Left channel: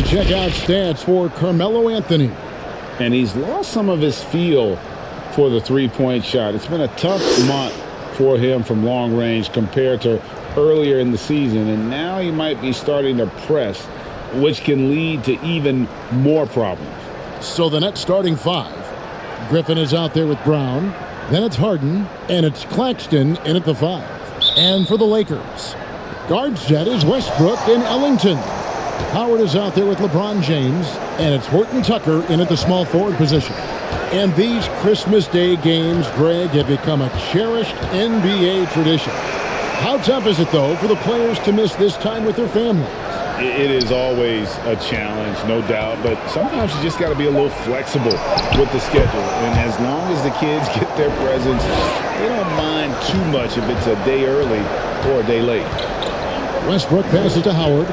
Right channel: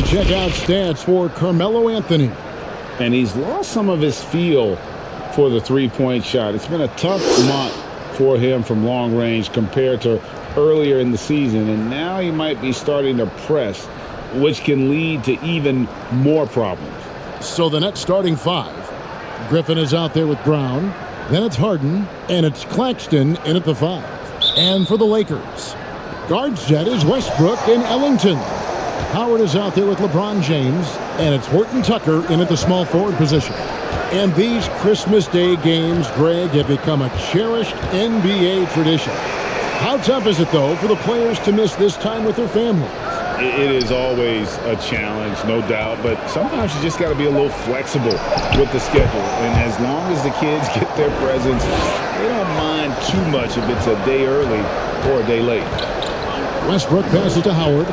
to check out stats for Carmelo Anthony. And he's lost some of his feel for the three-point shot. It's been a tough month for him from long range compared to earlier in the season. And now he might be starting to press, which can lead to even more problems. So the Nets starting five. Griffin is out there with Brown. Then it's Harden. And it's Claxton in at the 5. And for the Lakers, guard set is Westbrook and Ellington. Howard is out there with LeBron James. And it's Horton Tucker in at the small forward position. And these Christmas Day games, Greg, have become a cherished NBA tradition. How tough is it, though, for the players to miss this time with their families? It is always a challenge, no doubt, but sometimes you just got to be a little flexible with the schedule. And as long as the kids get their presents, they don't mind too much if it's a day early or a day late. Westbrook passes to Howard.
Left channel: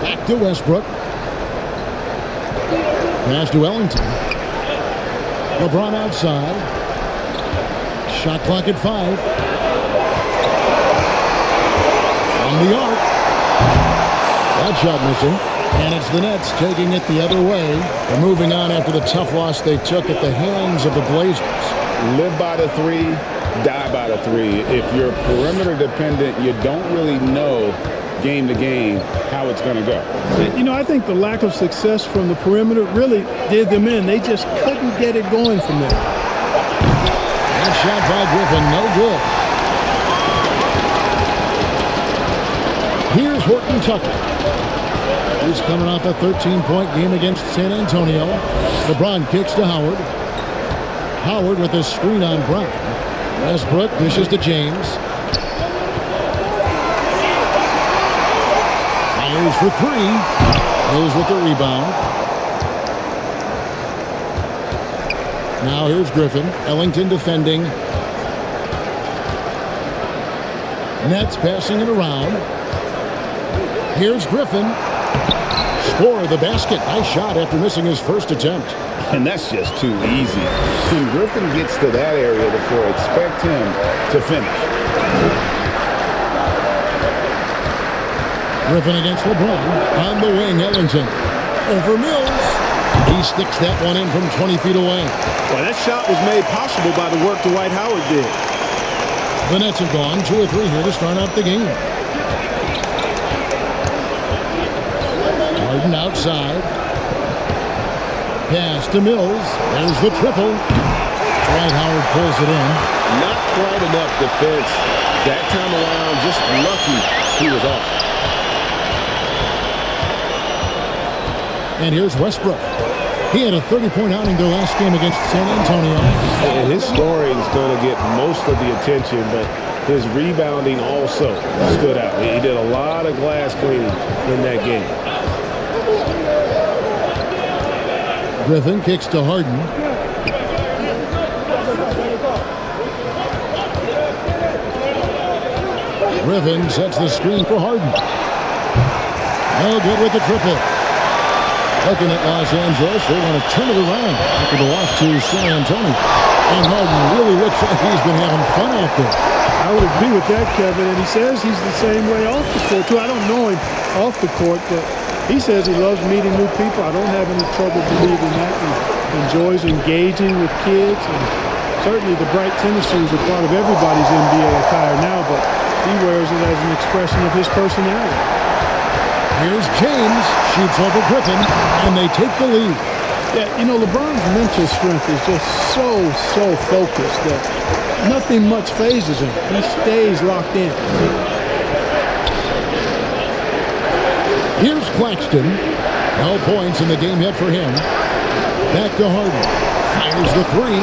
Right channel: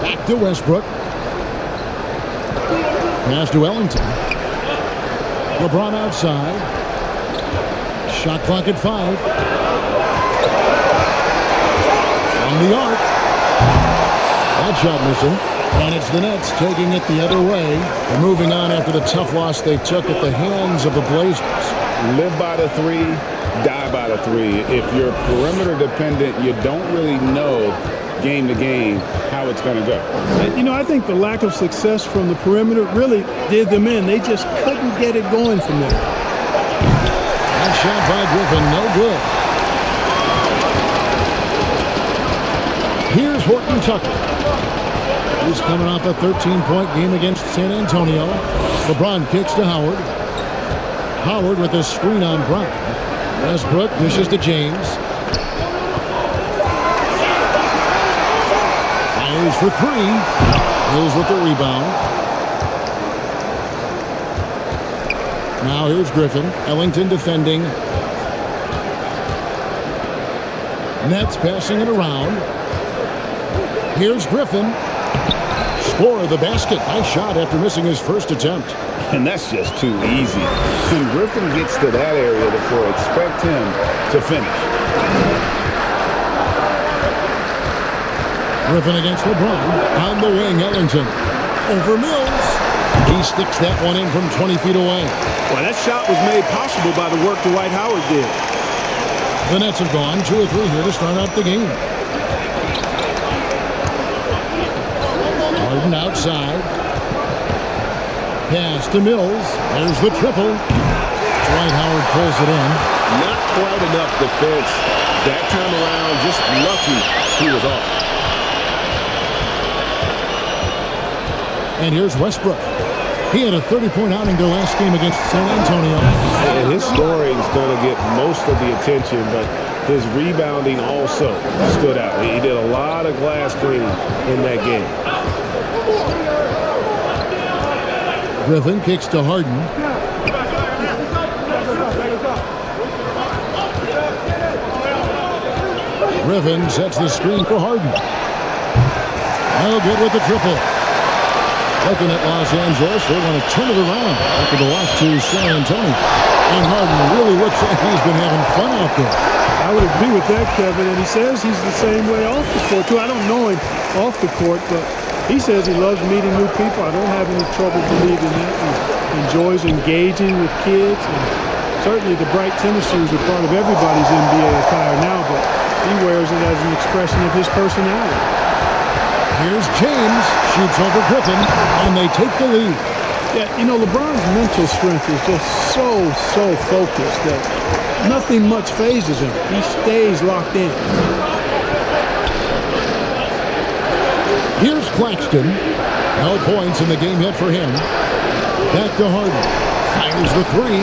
Back to Westbrook. Pass to Ellington. LeBron outside. Shot clock at 5. From the arc. That shot missing. And it's the Nets taking it the other way. They're moving on after the tough loss they took at the hands of the Blazers. Live by the 3, die by the 3. If you're perimeter dependent, you don't really know game to game how it's going to go. You know, I think the lack of success from the perimeter really did them in. They just couldn't get it going from there. That shot by Griffin, no good. Here's Horton Tucker. He's coming off a 13-point game against San Antonio. LeBron kicks to Howard. Howard with a screen on Brown. Westbrook dishes to James. Fires for 3. Hills with the rebound. Now here's Griffin. Ellington defending. Nets passing it around. Here's Griffin. Score the basket. Nice shot after missing his first attempt. And that's just too easy. When Griffin gets to that area of the floor, expect him to finish. Griffin against LeBron. On the wing, Ellington. Over Mills. He sticks that one in from 20 feet away. Well, that shot was made possible by the work Dwight Howard did. The Nets have gone 2 or 3 here to start out the game. Harden outside. Pass to Mills. There's the triple. Dwight Howard pulls it in. Not quite enough defense that time around. Just lucky he was off. And here's Westbrook. He had a 30-point outing their last game against San Antonio. And his scoring is going to get most of the attention, but his rebounding also stood out. He did a lot of glass cleaning in that game. Griffin kicks to Harden. Griffin sets the screen for Harden. No good with the triple. Looking at Los Angeles, they want to turn it around after the loss to San Antonio. And Harden really looks like he's been having fun out there. I would agree with that, Kevin. And he says he's the same way off the court, too. I don't know him off the court, but he says he loves meeting new people. I don't have any trouble believing that. He enjoys engaging with kids. And certainly the bright tennis shoes are part of everybody's NBA attire now, but he wears it as an expression of his personality. Here's James, shoots over Griffin, and they take the lead. Yeah, you know, LeBron's mental strength is just so focused that nothing much phases him. He stays locked in. Here's Claxton. No points in the game yet for him. Back to Harden. Fires the 3.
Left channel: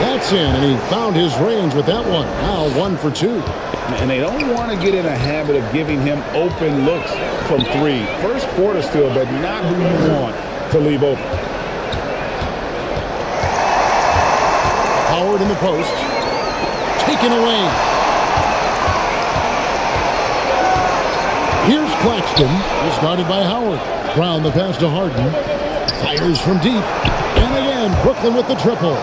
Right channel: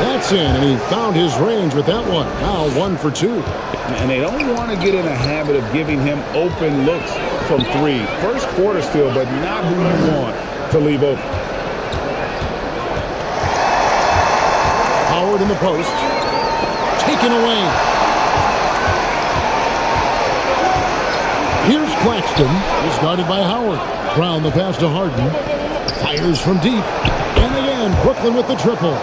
That's in, and he found his range with that one. Now 1 for 2. And they don't want to get in a habit of giving him open looks from 3. First quarter still, but not who you want to leave open. Howard in the post. Taken away. Here's Claxton. He's guarded by Howard. Brown the pass to Harden. Fires from deep. And again, Brooklyn with the triple.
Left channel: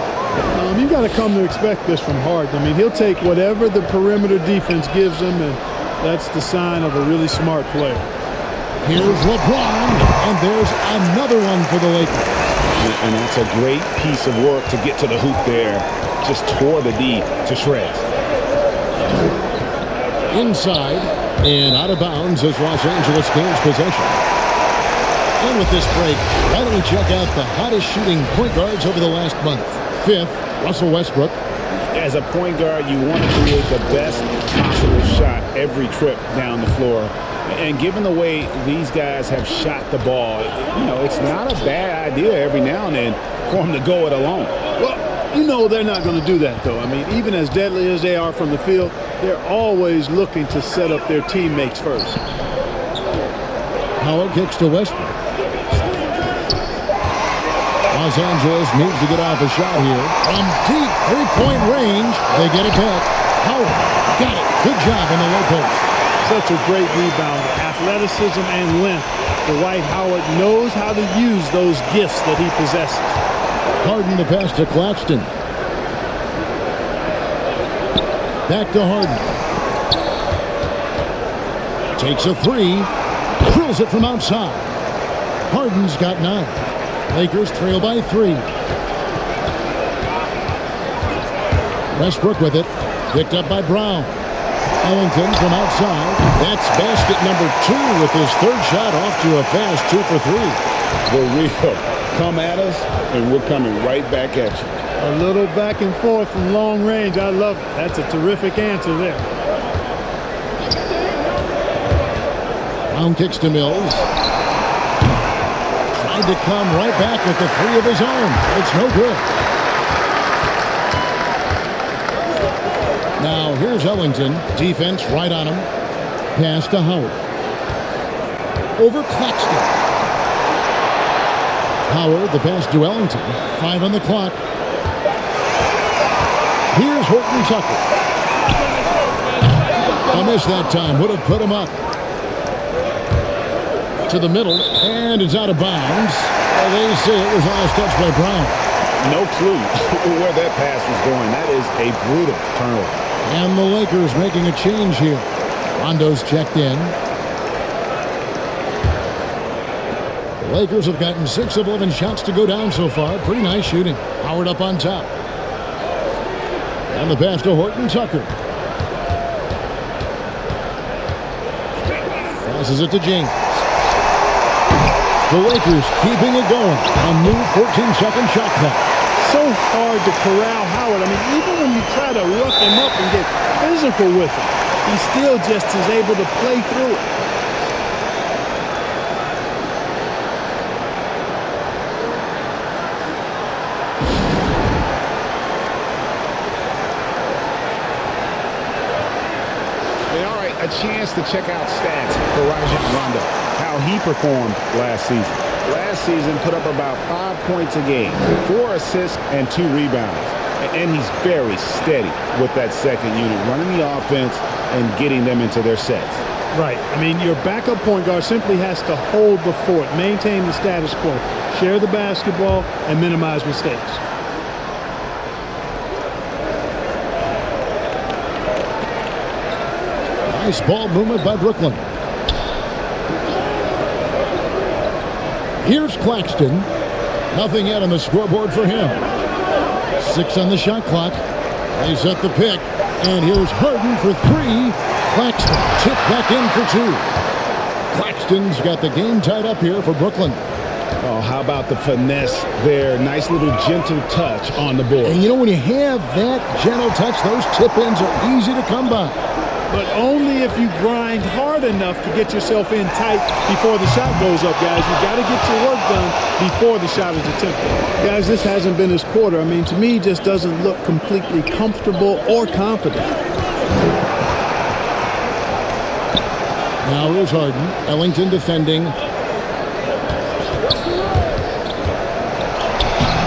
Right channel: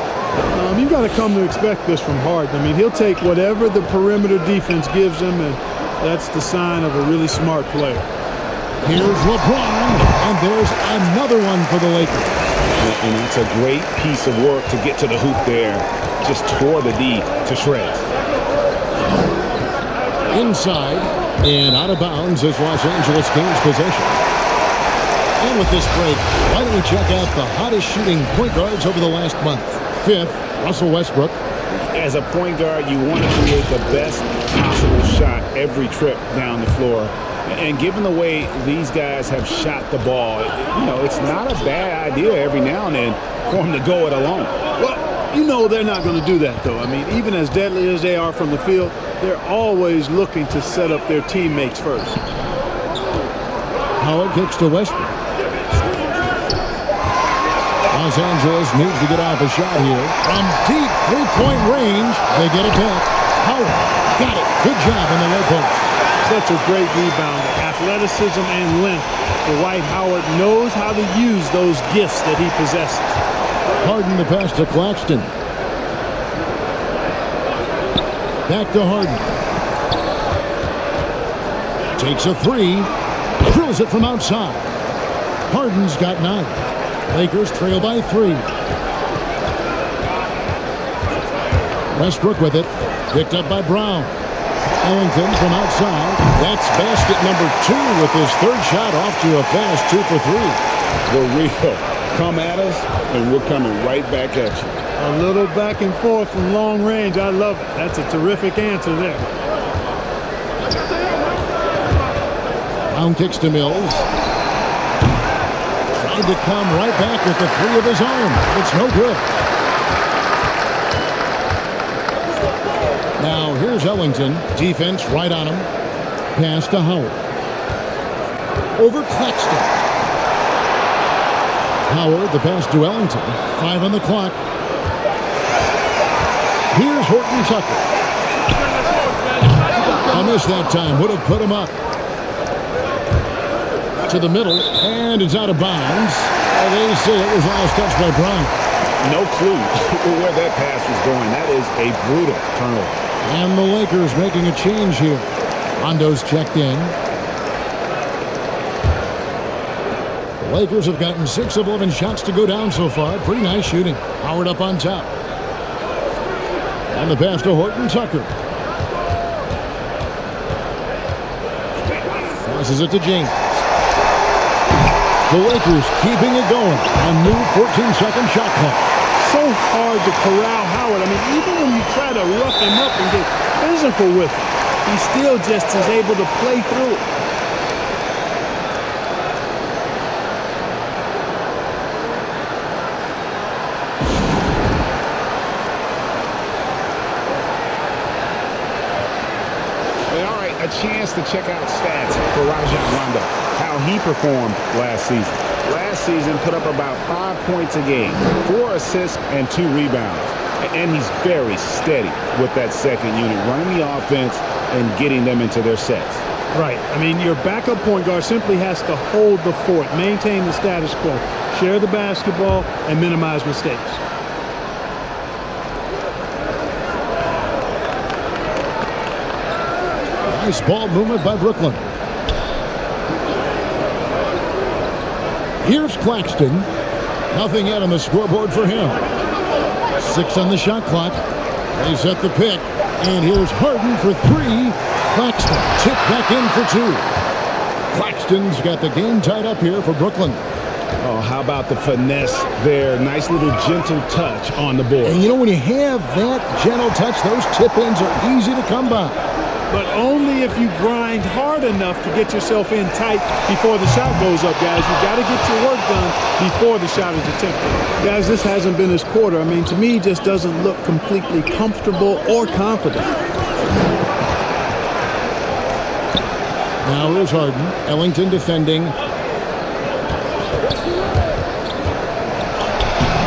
You've got to come to expect this from Harden. I mean, he'll take whatever the perimeter defense gives him, and that's the sign of a really smart player. Here's LeBron, and there's another one for the Lakers. And that's a great piece of work to get to the hoop there. Just tore the D to shreds. Inside and out of bounds as Los Angeles gains possession. And with this break, why don't we check out the hottest shooting point guards over the last month? 5th, Russell Westbrook. As a point guard, you want to create the best possible shot every trip down the floor. And given the way these guys have shot the ball, it's not a bad idea every now and then for them to go it alone. Well, they're not going to do that, though. I mean, even as deadly as they are from the field, they're always looking to set up their teammates first. Howard kicks to Westbrook. Los Angeles needs to get off a shot here. From deep three-point range, they get it back. Howard got it. Good job in the low post. Such a great rebounder. Athleticism and length. Dwight Howard knows how to use those gifts that he possesses. Harden the pass to Claxton. Back to Harden. Takes a three. Drills it from outside. Harden's got 9. Lakers trail by 3. Westbrook with it. Picked up by Brown. Ellington from outside. That's basket number 2 with his 3rd shot off to a fast 2 for 3. The real come at us, and we're coming right back at you. A little back and forth from long range. I love it. That's a terrific answer there. Brown kicks to Mills. Tried to come right back with the 3 of his own. It's no good. Now here's Ellington. Defense right on him. Pass to Howard. Over Claxton. Howard, the pass to Ellington. 5 on the clock. Here's Horton Tucker. A miss that time. Would have put him up. To the middle. And it's out of bounds. They say it was last touched by Brown. No clue where that pass was going. That is a brutal turnover. And the Lakers making a change here. Rondo's checked in. The Lakers have gotten 6 of 11 shots to go down so far. Pretty nice shooting. Howard up on top. And the pass to Horton Tucker. Passes it to James. The Lakers keeping it going. A new 14-second shot clock. So hard to corral Howard. I mean, even when you try to rough him up and get physical with him, he still just is able to play through it. All right, a chance to check out stats for Rajon Rondo, how he performed last season. Last season put up about 5 points a game, 4 assists and 2 rebounds. And he's very steady with that second unit, running the offense and getting them into their sets. Right. I mean, your backup point guard simply has to hold the fort, maintain the status quo, share the basketball, and minimize mistakes. Nice ball movement by Brooklyn. Here's Claxton. Nothing yet on the scoreboard for him. 6 on the shot clock. They set the pick. And here's Harden for 3. Claxton tipped back in for 2. Claxton's got the game tied up here for Brooklyn. Oh, how about the finesse there? Nice little gentle touch on the board. And when you have that gentle touch, those tip-ins are easy to come by. But only if you grind hard enough to get yourself in tight before the shot goes up, guys. You got to get your work done before the shot is attempted. Guys, this hasn't been his quarter. I mean, to me, it just doesn't look completely comfortable or confident. Now here's Harden. Ellington defending.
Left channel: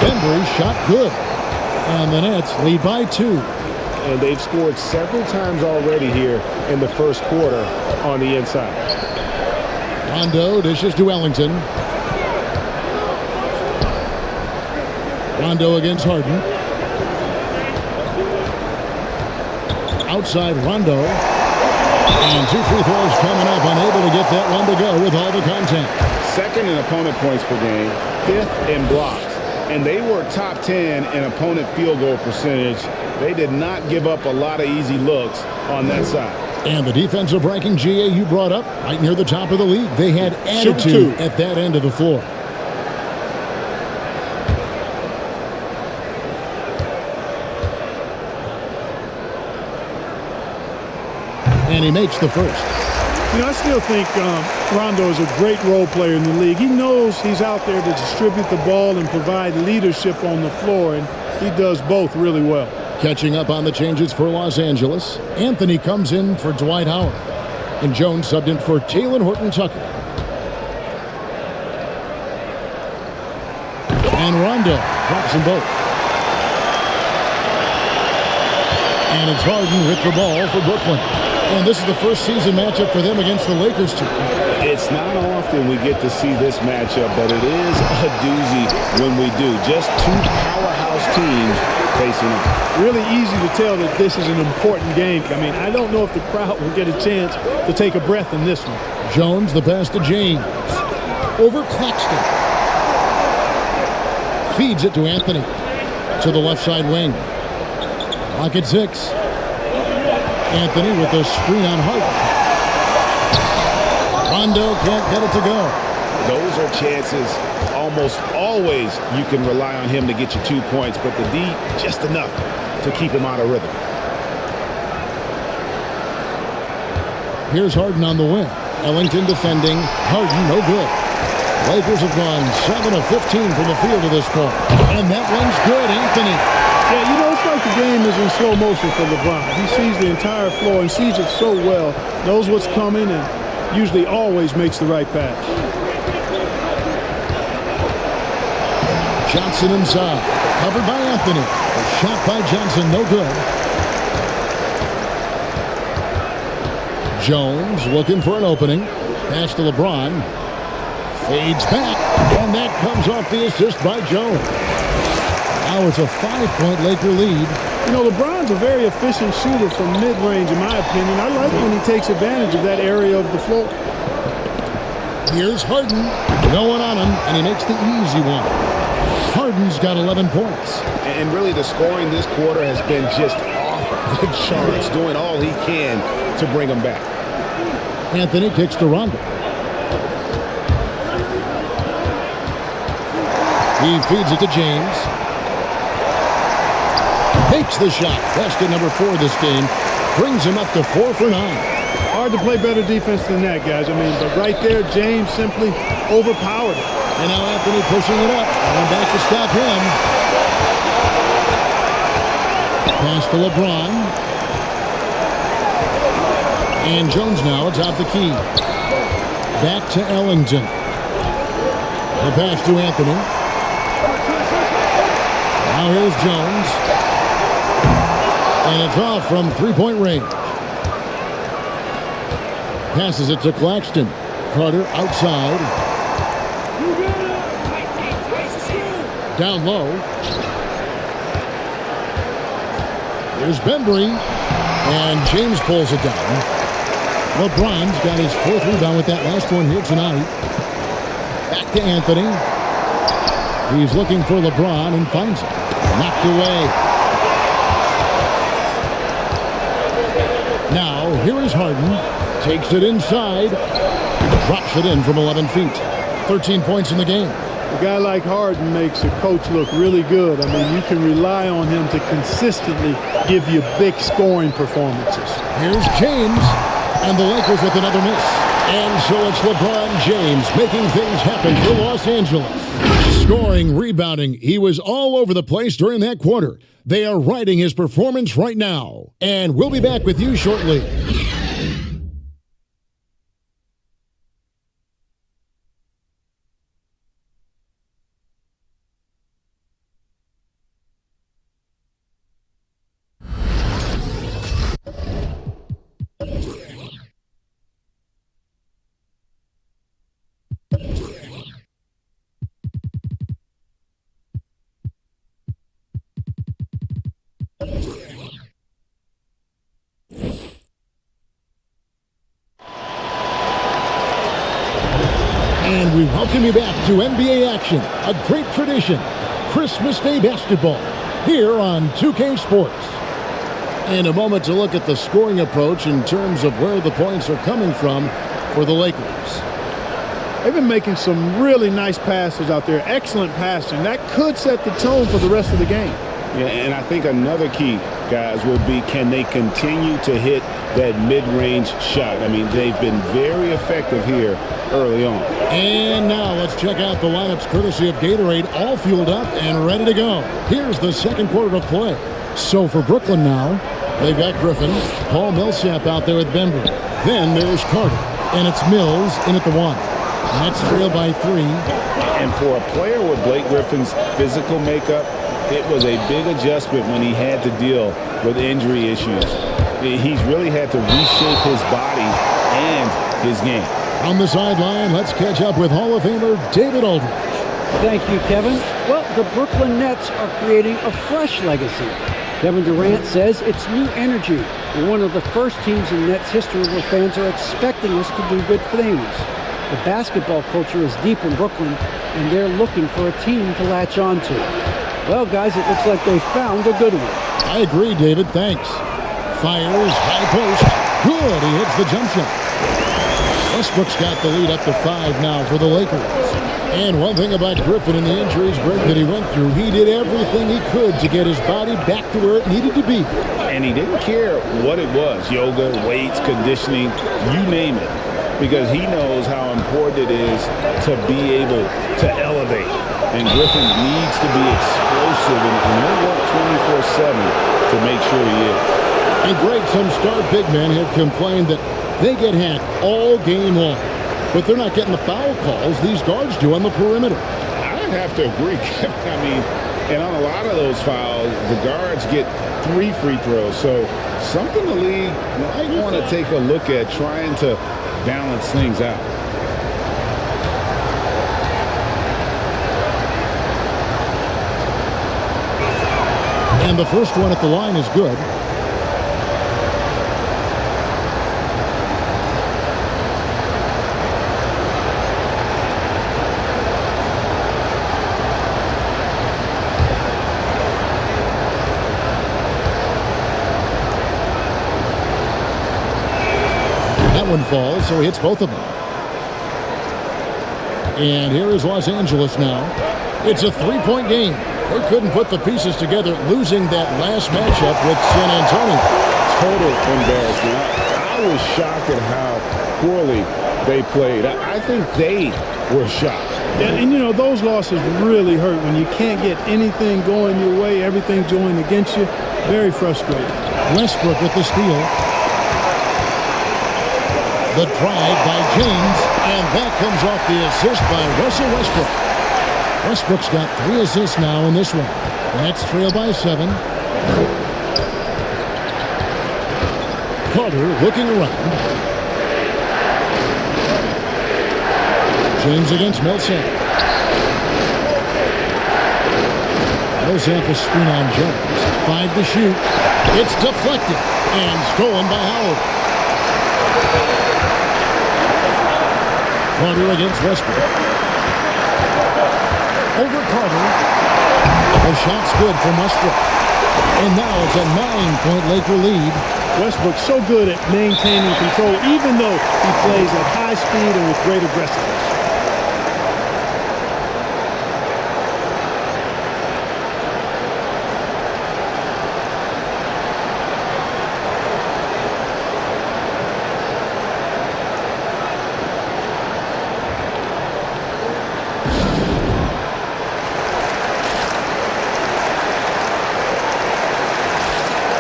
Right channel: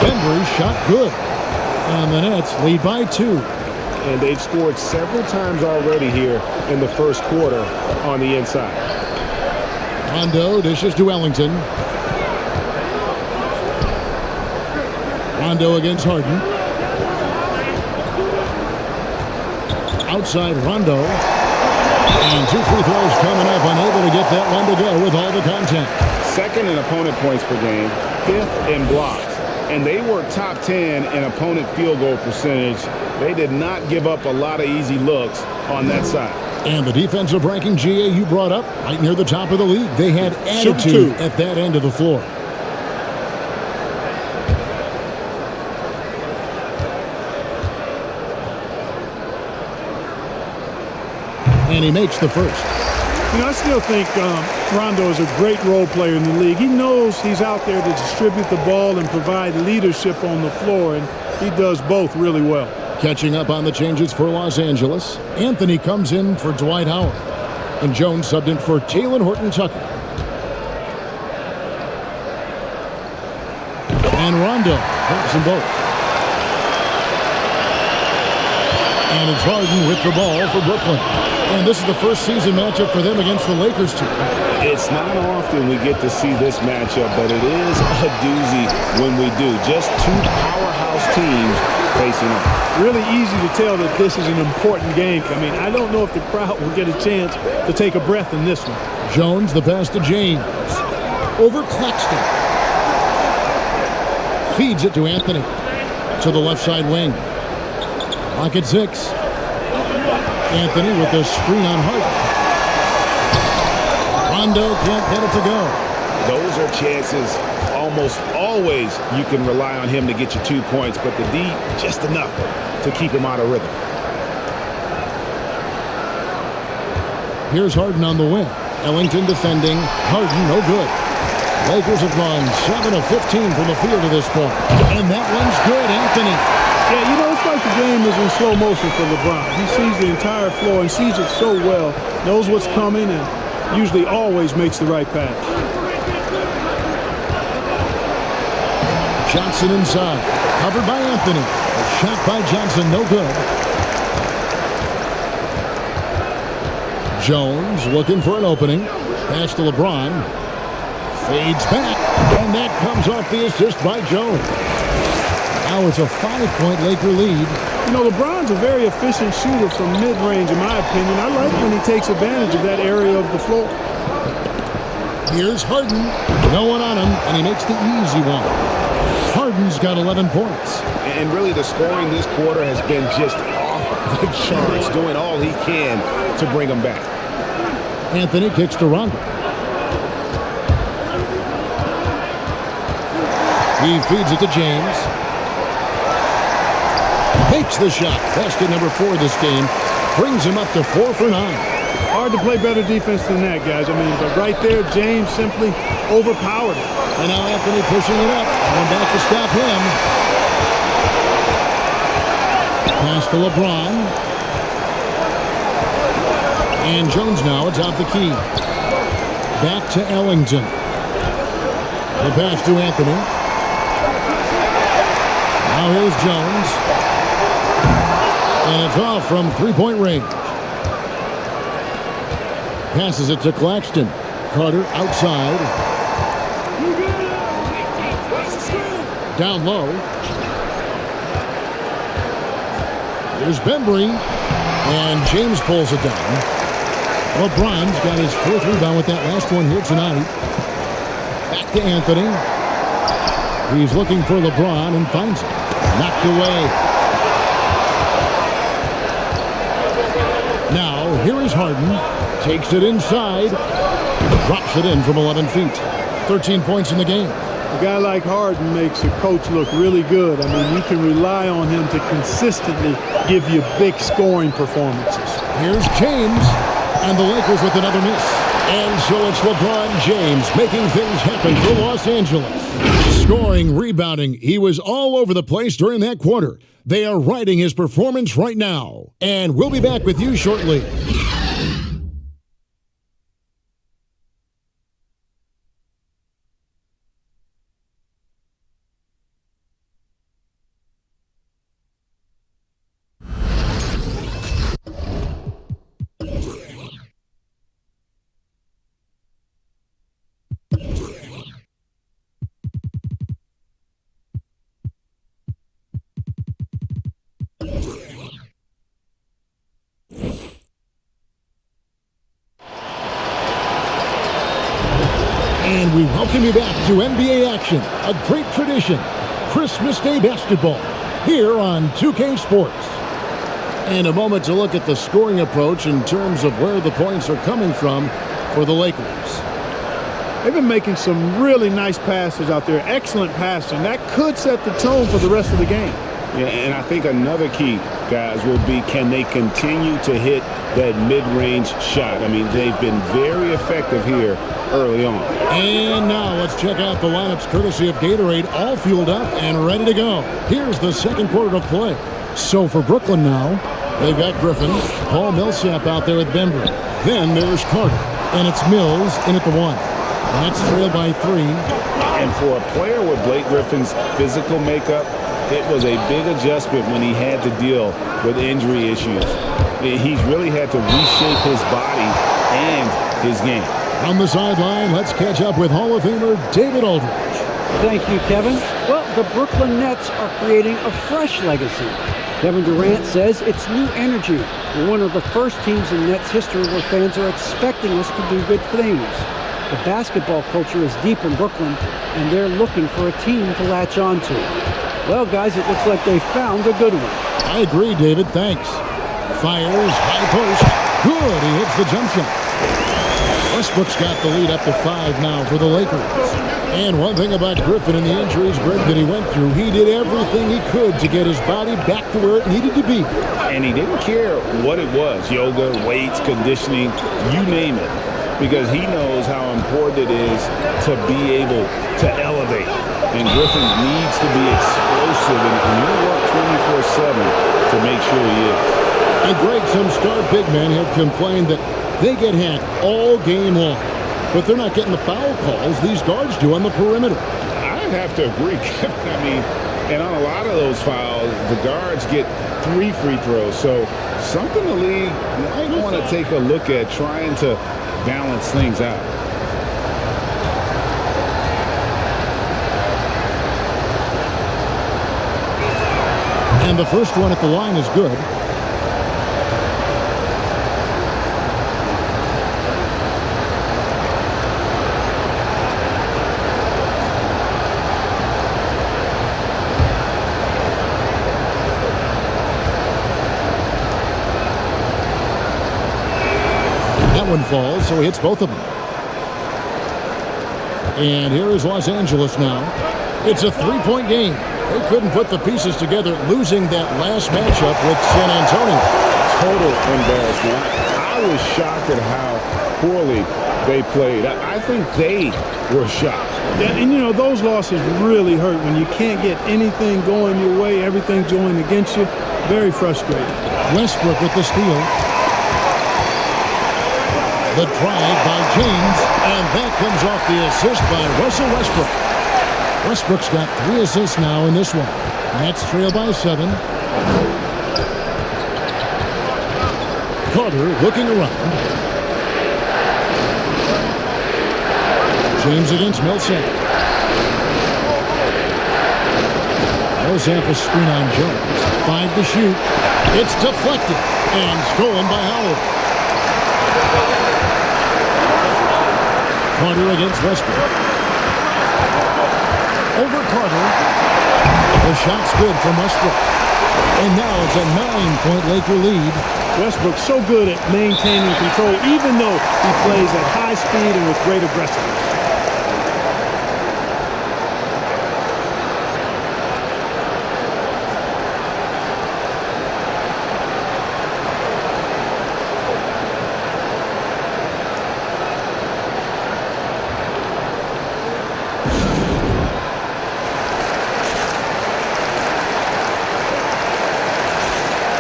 Embry shot good. And the Nets lead by 2. And they've scored several times already here in the first quarter on the inside. Rondo dishes to Ellington. Rondo against Harden. Outside Rondo. And 2 free throws coming up, unable to get that one to go with all the contact. Second in opponent points per game, 5th in blocks. And they were top 10 in opponent field goal percentage. They did not give up a lot of easy looks on that side. And the defensive ranking, GA, you brought up, right near the top of the league. They had attitude at that end of the floor. And he makes the first. You know, I still think Rondo is a great role player in the league. He knows he's out there to distribute the ball and provide leadership on the floor, and he does both really well. Catching up on the changes for Los Angeles, Anthony comes in for Dwight Howard, and Jones subbed in for Talen Horton-Tucker. And Rondo drops them both. And it's Harden with the ball for Brooklyn. And this is the first season matchup for them against the Lakers, too. It's not often we get to see this matchup, but it is a doozy when we do. Just two powerhouse teams facing off. Really easy to tell that this is an important game. I mean, I don't know if the crowd will get a chance to take a breath in this one. Jones, the pass to James. Over Claxton. Feeds it to Anthony. To the left side wing. Clock at 6. Anthony with the screen on Harden. Rondo can't get it to go. Those are chances almost always you can rely on him to get you 2 points, but the D just enough to keep him out of rhythm. Here's Harden on the wing. Ellington defending. Harden no good. Lakers have gone 7 of 15 from the field to this point. And that one's good, Anthony. Yeah, you know, it's like the game is in slow motion for LeBron. He sees the entire floor and sees it so well, knows what's coming, and usually always makes the right pass. Johnson inside. Covered by Anthony. The shot by Johnson, no good. Jones looking for an opening. Pass to LeBron. Fades back, and that comes off the assist by Jones. Now it's a 5-point Laker lead. You know, LeBron's a very efficient shooter from mid-range, in my opinion. I like when he takes advantage of that area of the floor. Here's Harden. No one on him, and he makes the easy one. Harden's got 11 points. And really the scoring this quarter has been just off the charts, doing all he can to bring them back. Anthony kicks to Rondo. He feeds it to James. Makes the shot. Basket number 4 this game. Brings him up to 4 for 9. Hard to play better defense than that, guys. I mean, but right there, James simply overpowered it. And now Anthony pushing it up. Going back to stop him. Pass to LeBron. And Jones now atop the key. Back to Ellington. The pass to Anthony. Now here's Jones. And it's off from 3-point range. Passes it to Claxton. Carter outside. You got it. Down low. Here's Bembry. And James pulls it down. LeBron's got his 4th rebound with that last one here tonight. Back to Anthony. He's looking for LeBron and finds it. Knocked away. Now, here is Harden. Takes it inside. Drops it in from 11 feet. 13 points in the game. A guy like Harden makes a coach look really good. I mean, you can rely on him to consistently give you big scoring performances. Here's James. And the Lakers with another miss. And so it's LeBron James making things happen for Los Angeles. Scoring, rebounding, he was all over the place during that quarter. They are riding his performance right now. And we'll be back with you shortly. And we welcome you back to NBA action, a great tradition, Christmas Day basketball, here on 2K Sports. And a moment to look at the scoring approach in terms of where the points are coming from for the Lakers. They've been making some really nice passes out there, excellent passing. That could set the tone for the rest of the game. Yeah, and I think another key, guys, will be can they continue to hit that mid-range shot? I mean, they've been very effective here early on. And now let's check out the lineups courtesy of Gatorade, all fueled up and ready to go. Here's the second quarter of play. So for Brooklyn now, they've got Griffin, Paul Millsap out there with Bembry. Then there's Carter, and it's Mills in at the 1. Nets trail by 3. And for a player with Blake Griffin's physical makeup, it was a big adjustment when he had to deal with injury issues. He's really had to reshape his body and his game. On the sideline, let's catch up with Hall of Famer David Aldridge. Thank you, Kevin. Well, the Brooklyn Nets are creating a fresh legacy. Kevin Durant says it's new energy. We're one of the first teams in Nets history where fans are expecting us to do good things. The basketball culture is deep in Brooklyn, and they're looking for a team to latch on to. Well, guys, it looks like they found a good one. I agree, David. Thanks. Fires, high post. Good. He hits the jump shot. Westbrook's got the lead up to 5 now for the Lakers. And one thing about Griffin and the injuries, Greg, that he went through, he did everything he could to get his body back to where it needed to be. And he didn't care what it was, yoga, weights, conditioning, you name it, because he knows how important it is to be able to elevate. And Griffin needs to be explosive, and he'll work 24/7 to make sure he is. And Greg, some star big men have complained that they get hacked all game long. But they're not getting the foul calls these guards do on the perimeter. I'd have to agree, Kevin. I mean, and on a lot of those fouls, the guards get 3 free throws. So something the league might want to take a look at, trying to balance things out. And the first one at the line is good. That one falls, so he hits both of them. And here is Los Angeles now. It's a 3-point game. They couldn't put the pieces together, losing that last matchup with San Antonio. Total embarrassment. I was shocked at how poorly they played. I think they were shocked. Yeah, and you know, those losses really hurt when you can't get anything going your way, everything's going against you. Very frustrating. Westbrook with the steal. The drive by James, and that comes off the assist by Russell Westbrook. Westbrook's got 3 assists now in this one. Nets trail by 7. Carter looking around. James against Millsap. Millsap a screen on Jones. 5 to shoot. It's deflected and stolen by Howard. Carter against Westbrook. Over Carter. The shot's good from Westbrook. And now it's a 9-point Laker lead. Westbrook's so good at maintaining control, even though he plays at high speed and with great aggressiveness.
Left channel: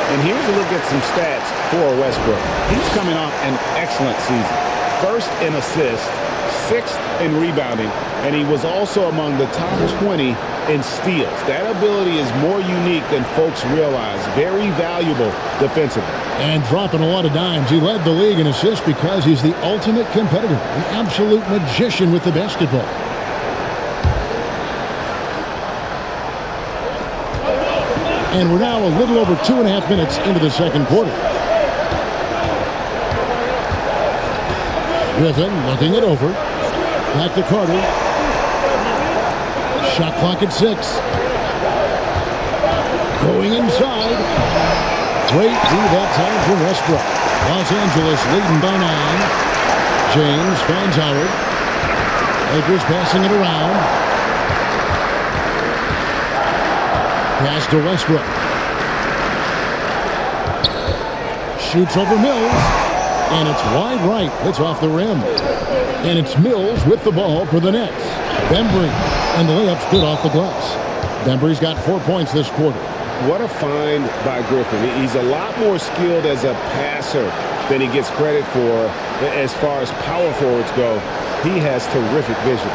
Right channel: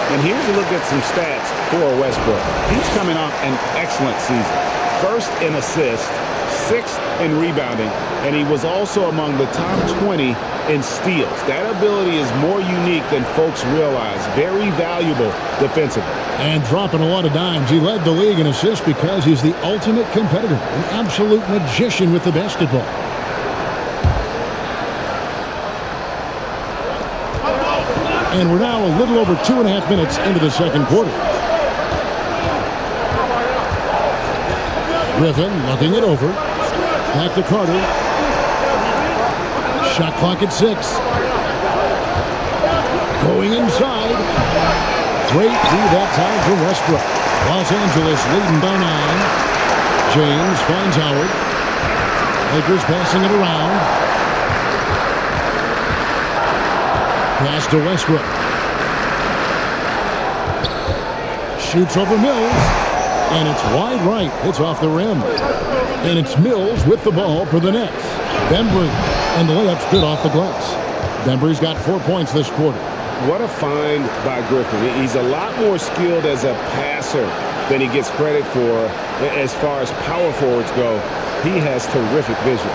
And here's a look at some stats for Westbrook. He's coming off an excellent season. 1st in assists, 6th in rebounding, and he was also among the top 20 in steals. That ability is more unique than folks realize. Very valuable defensively. And dropping a lot of dimes. He led the league in assists because he's the ultimate competitor, an absolute magician with the basketball. And we're now a little over 2.5 minutes into the second quarter. Griffin looking it over. Back to Carter. Shot clock at 6. Going inside. Great D that time from Westbrook. Los Angeles leading by 9. James finds Howard. Lakers passing it around. Pass to Westbrook. Shoots over Mills. And it's wide right. It's off the rim. And it's Mills with the ball for the Nets. Bembry. And the layup's good off the glass. Bembry's got 4 points this quarter. What a find by Griffin. He's a lot more skilled as a passer than he gets credit for as far as power forwards go. He has terrific vision.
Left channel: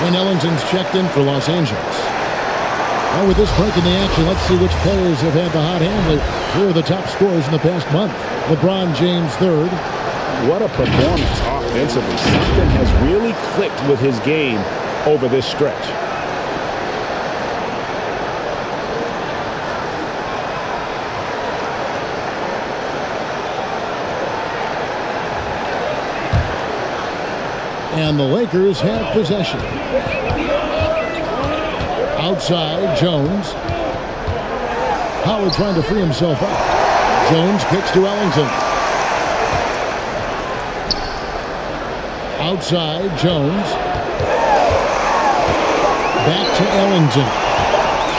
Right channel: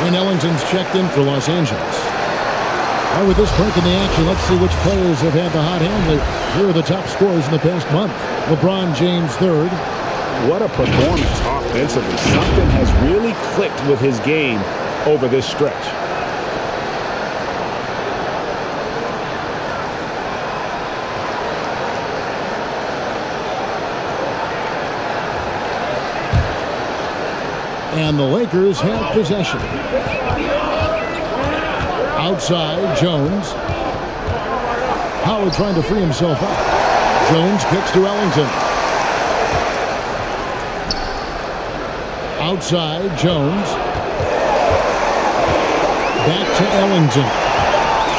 Wayne Ellington's checked in for Los Angeles. Well, with this break in the action, let's see which players have had the hot hand lately. Here are the top scorers in the past month. LeBron James, third. What a performance offensively. Something has really clicked with his game over this stretch. And the Lakers have possession. Outside, Jones. Howard trying to free himself up. Jones kicks to Ellington. Outside, Jones. Back to Ellington.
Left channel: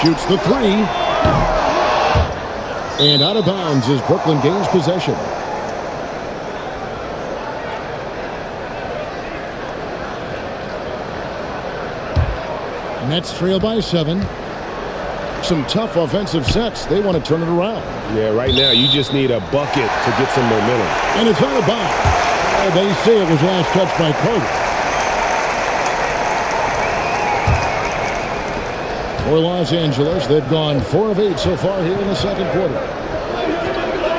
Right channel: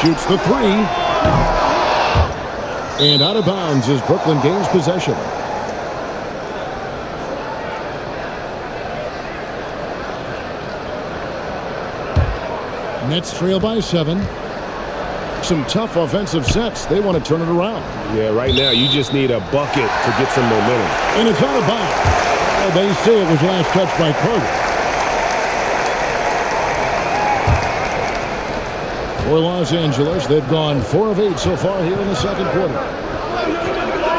Shoots the 3. And out of bounds as Brooklyn gains possession. Nets trail by 7. Some tough offensive sets. They want to turn it around. Yeah, right now you just need a bucket to get some momentum. And it's out of bounds. They say it was last touched by Carter. For Los Angeles, they've gone 4 of 8 so far here in the second quarter.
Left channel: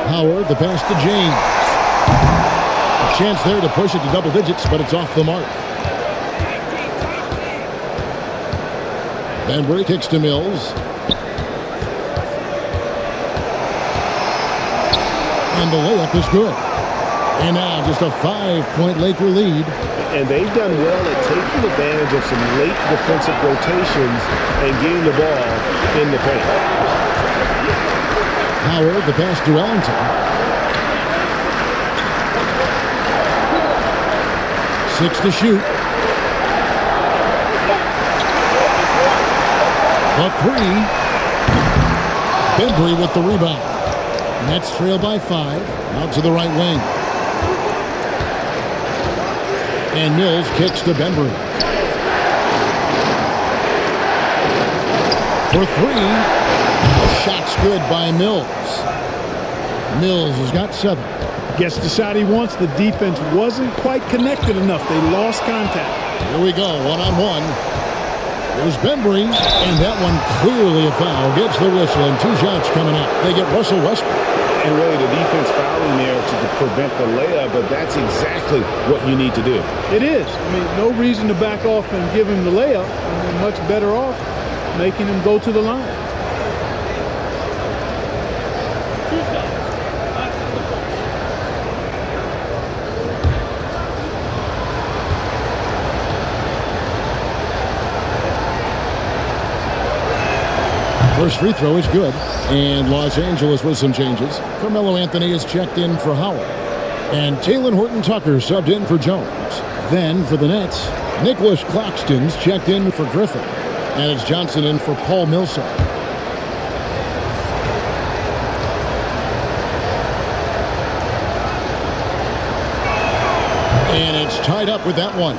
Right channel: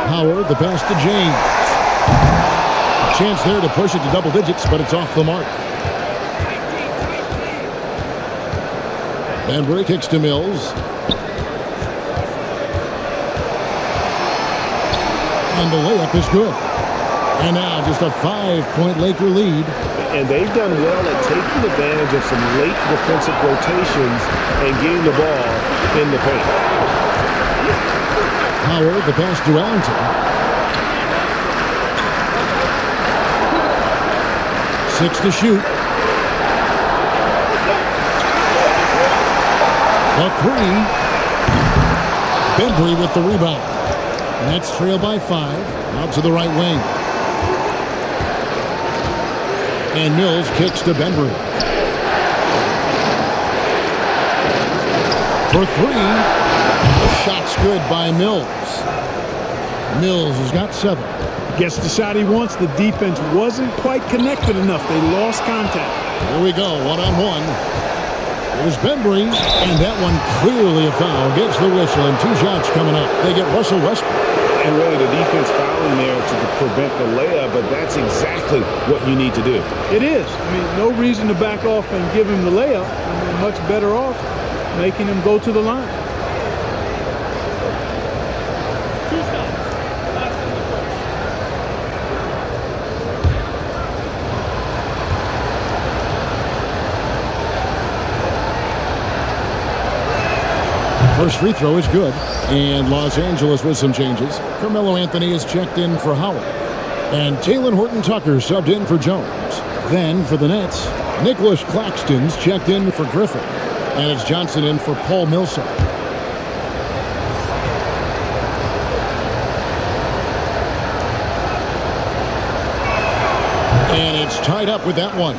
Howard, the pass to James. A chance there to push it to double digits, but it's off the mark. Bembry kicks to Mills. And the layup is good. And now just a 5-point Laker lead. And they've done well at taking advantage of some late defensive rotations and getting the ball in the paint. Howard, the pass to Ellington. 6 to shoot. The 3. Bembry with the rebound. Nets trail by 5. Out to the right wing. And Mills kicks to Bembry. For 3. Shot's good by Mills. Mills has got 7. Gets the shot he wants. The defense wasn't quite connected enough. They lost contact. Here we go, 1-on-1. Here's Bembry, and that one clearly a foul. Gets the whistle, and 2 shots coming up. They get Russell Westbrook. And really the defense fouling there to prevent the layup, but that's exactly what you need to do. It is. I mean, no reason to back off and give him the layup. I mean, much better off making him go to the line. 2 shots. Last on the first. First free throw is good. And Los Angeles with some changes. Carmelo Anthony is checked in for Howard. And Talen Horton-Tucker subbed in for Jones. Then for the Nets, Nicholas Claxton's checked in for Griffin. And it's Johnson in for Paul Millsap. And it's tied up with that one.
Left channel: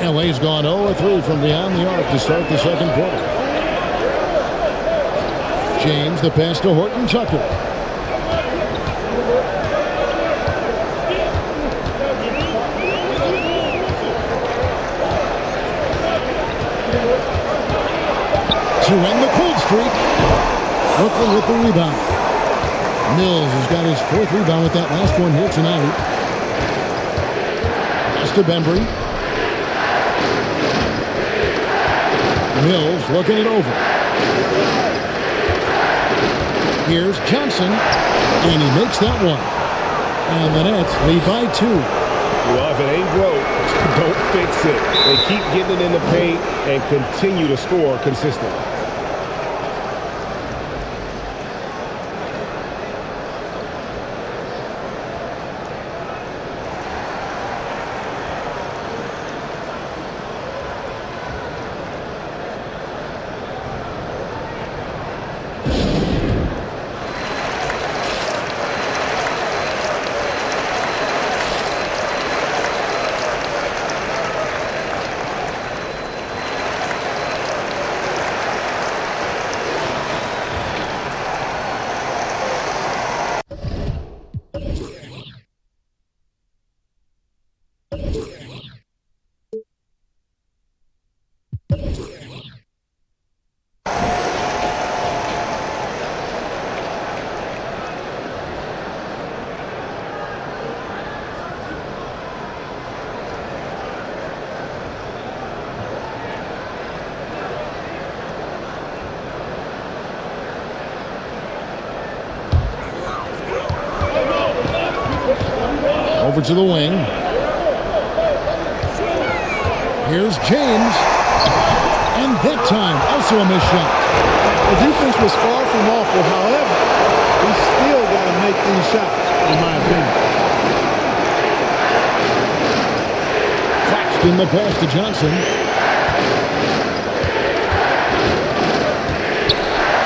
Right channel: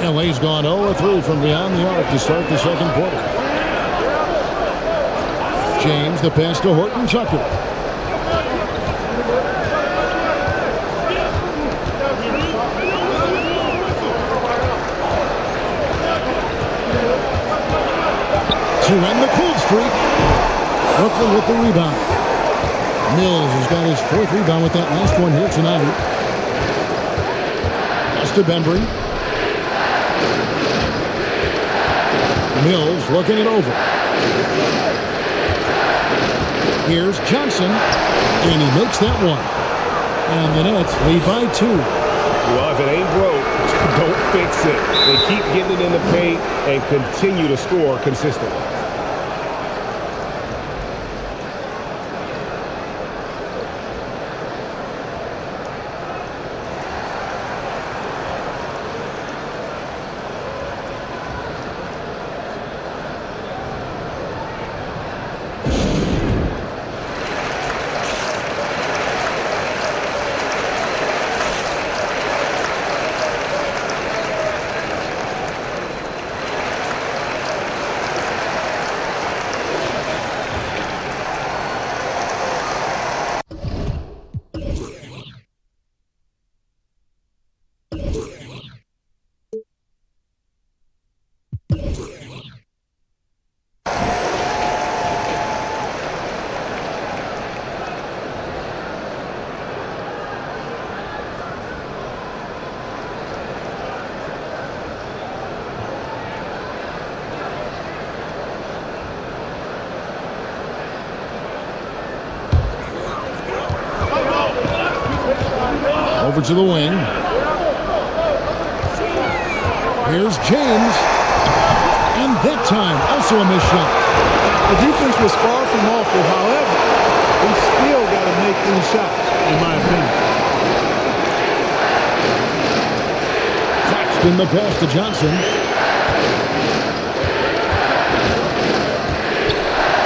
LA's gone 0-3 from beyond the arc to start the second quarter. James, the pass to Horton-Tucker. To end the cold streak, Brooklyn with the rebound. Mills has got his 4th rebound with that last one here tonight. Pass to Bembry. Mills looking it over. Here's Johnson, and he makes that one. And the Nets lead by 2. Well, if it ain't broke, don't fix it. They keep getting it in the paint and continue to score consistently. Over to the wing. Here's James. And that time, also a missed shot. The defense was far from awful. However, we still got to make these shots, in my opinion. Claxton the pass to Johnson.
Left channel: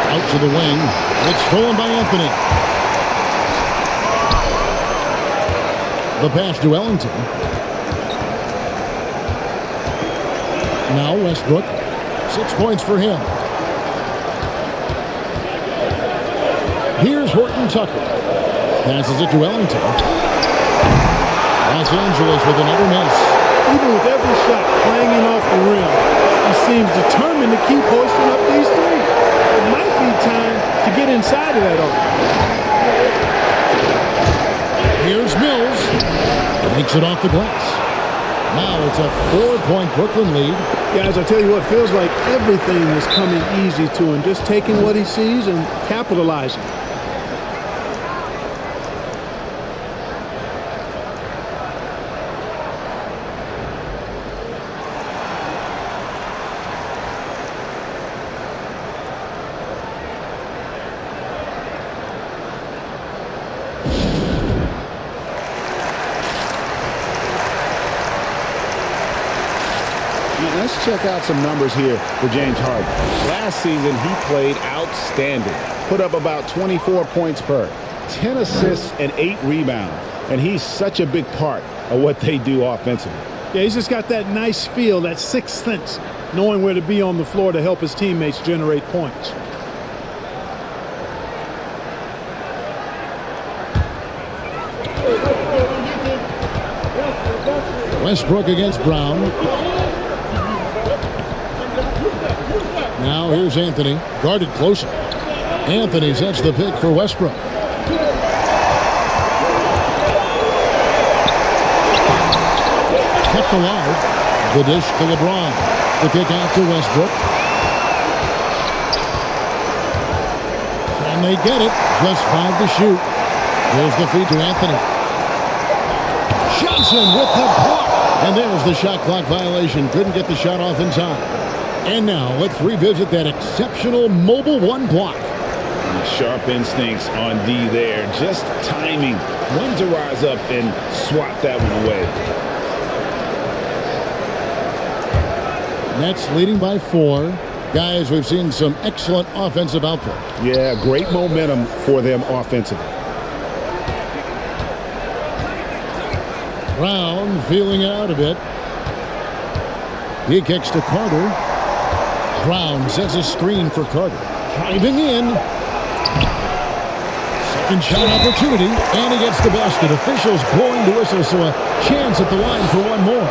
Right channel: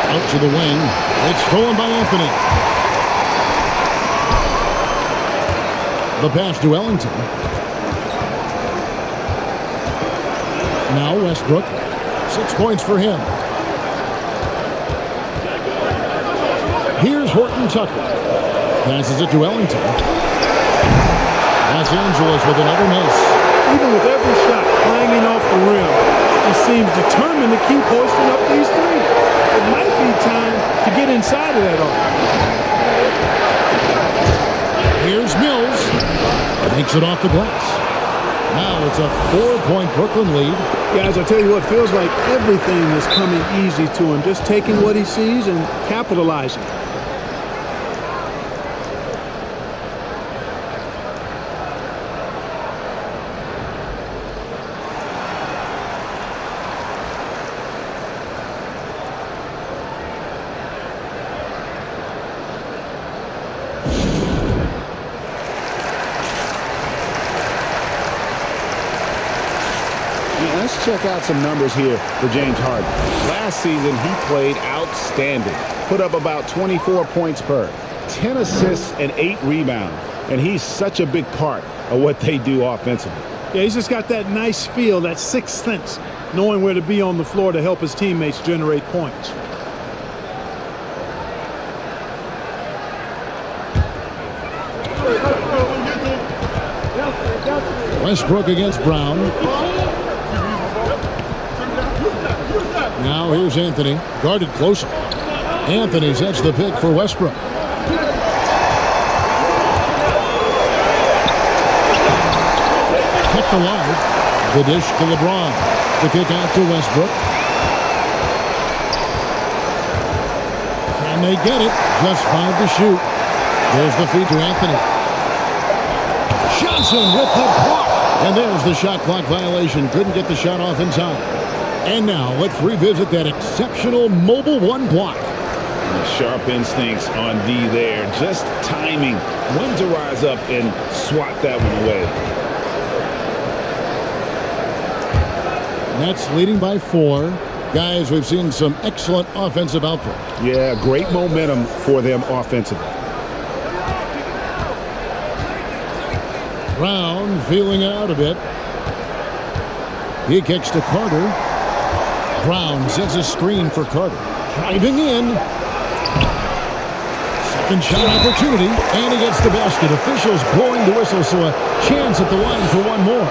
Out to the wing. It's stolen by Anthony. The pass to Ellington. Now Westbrook. 6 points for him. Here's Horton Tucker. Passes it to Ellington. Los Angeles with another miss. Even with every shot clanging off the rim, he seems determined to keep hoisting up these threes. It might be time to get inside of that arc. Here's Mills. Takes it off the glass. Now it's a 4-point Brooklyn lead. Guys, I tell you what, feels like everything is coming easy to him. Just taking what he sees and capitalizing. Let's check out some numbers here for James Harden. Last season, he played outstanding. Put up about 24 points per, 10 assists, and 8 rebounds. And he's such a big part of what they do offensively. Yeah, he's just got that nice feel, that sixth sense, knowing where to be on the floor to help his teammates generate points. Westbrook against Brown. Now here's Anthony, guarded closely. Anthony sets the pick for Westbrook. Kept alive. The dish to LeBron. The kick out to Westbrook. Can they get it? Just 5 to shoot. Here's the feed to Anthony. Johnson with the block. And there's the shot clock violation. Couldn't get the shot off in time. And now let's revisit that exceptional mobile one block. Sharp instincts on D there. Just timing when to rise up and swat that one away. Nets leading by 4. Guys, we've seen some excellent offensive output. Yeah, great momentum for them offensively. Brown feeling it out a bit. He kicks to Carter. Brown sets a screen for Carter. Driving in. Second shot opportunity, and he gets the basket. Officials blowing the whistle, so a chance at the line for one more.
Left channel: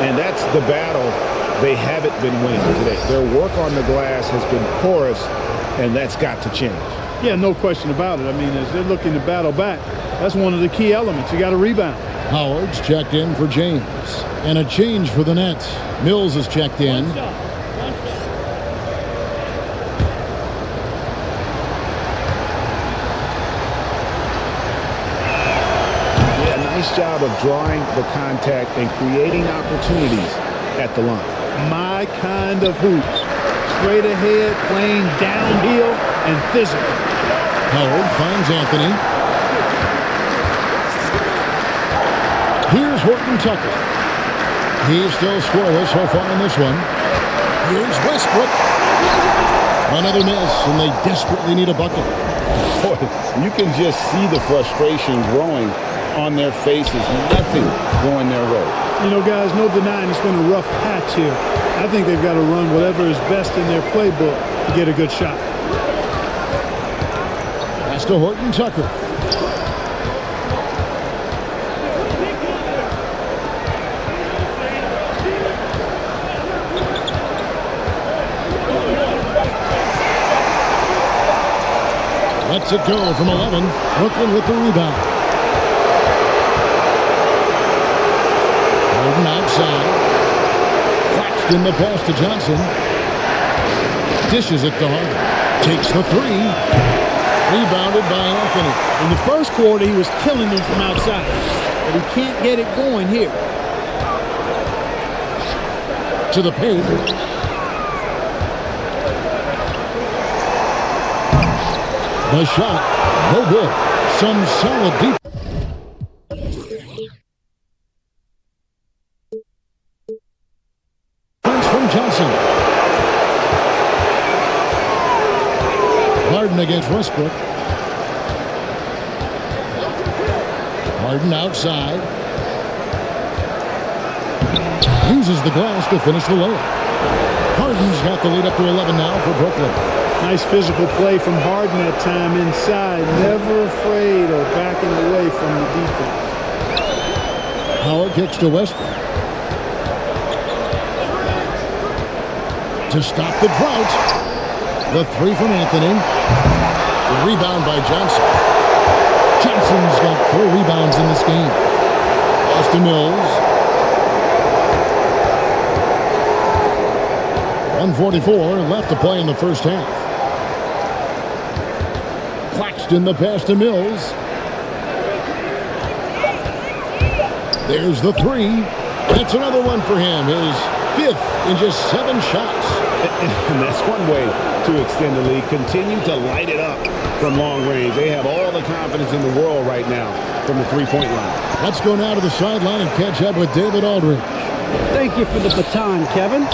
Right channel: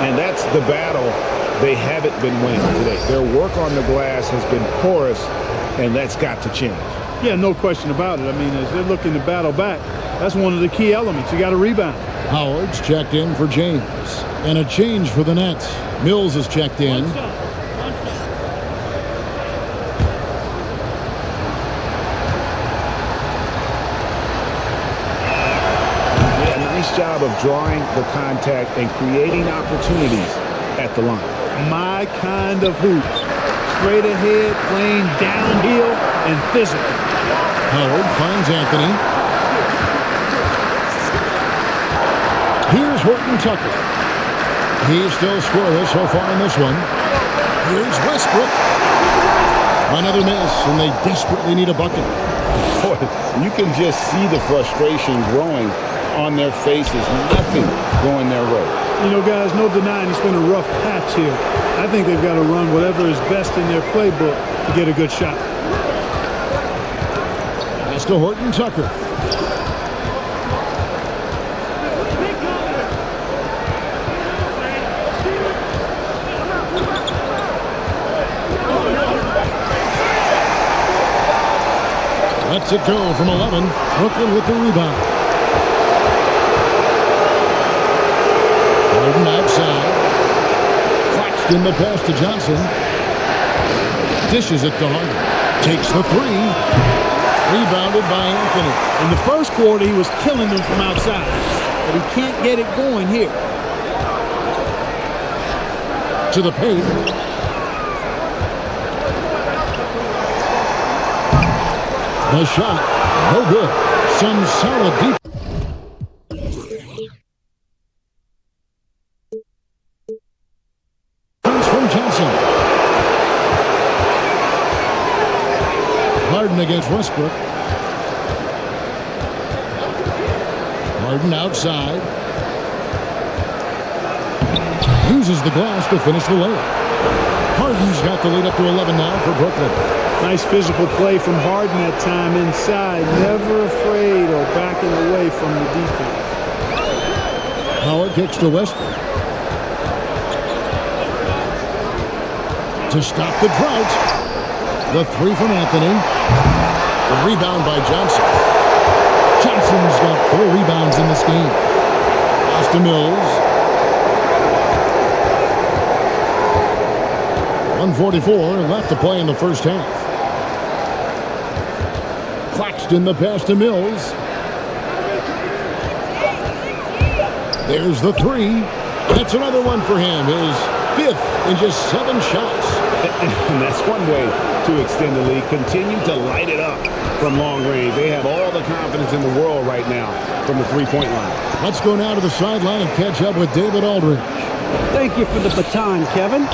And that's the battle they haven't been winning today. Their work on the glass has been porous, and that's got to change. Yeah, no question about it. I mean, as they're looking to battle back, that's one of the key elements. You got to rebound. Howard's checked in for James. And a change for the Nets. Mills is checked in. One shot. One shot. Yeah, nice job of drawing the contact and creating opportunities at the line. My kind of hoops. Straight ahead, playing downhill and physical. Howard finds Anthony. Here's Horton Tucker. He's still scoreless so far in this one. Here's Westbrook. Another miss, and they desperately need a bucket. Boy, you can just see the frustration growing on their faces. Nothing going their way. You know, guys, no denying it's been a rough patch here. I think they've got to run whatever is best in their playbook to get a good shot. Pass to Horton Tucker. Lets it go from 11. Brooklyn with the rebound. Harden outside. Claxton the pass to Johnson. Dishes it to Harden. Takes the three. Rebounded by Anthony. In the first quarter, he was killing them from outside, but he can't get it going here. To the paint. The shot, no good. Some solid defense. From Johnson. Harden against Westbrook. Harden outside. Uses the glass to finish the layup. Harden's got the lead up to 11 now for Brooklyn. Nice physical play from Harden that time inside. Never afraid or backing away from the defense. Howard kicks to Westbrook. To stop the drought. The three from Anthony. The rebound by Johnson. Johnson's got 4 rebounds in this game. Pass to Mills. 1:44 left to play in the first half. Claxton the pass to Mills. There's the three. That's another one for him. His 5th in just 7 shots. And that's one way to extend the lead. Continue to light it up from long range. They have all the confidence in the world right now from the three-point line. Let's go now to the sideline and catch up with David Aldridge. Thank you for the baton, Kevin.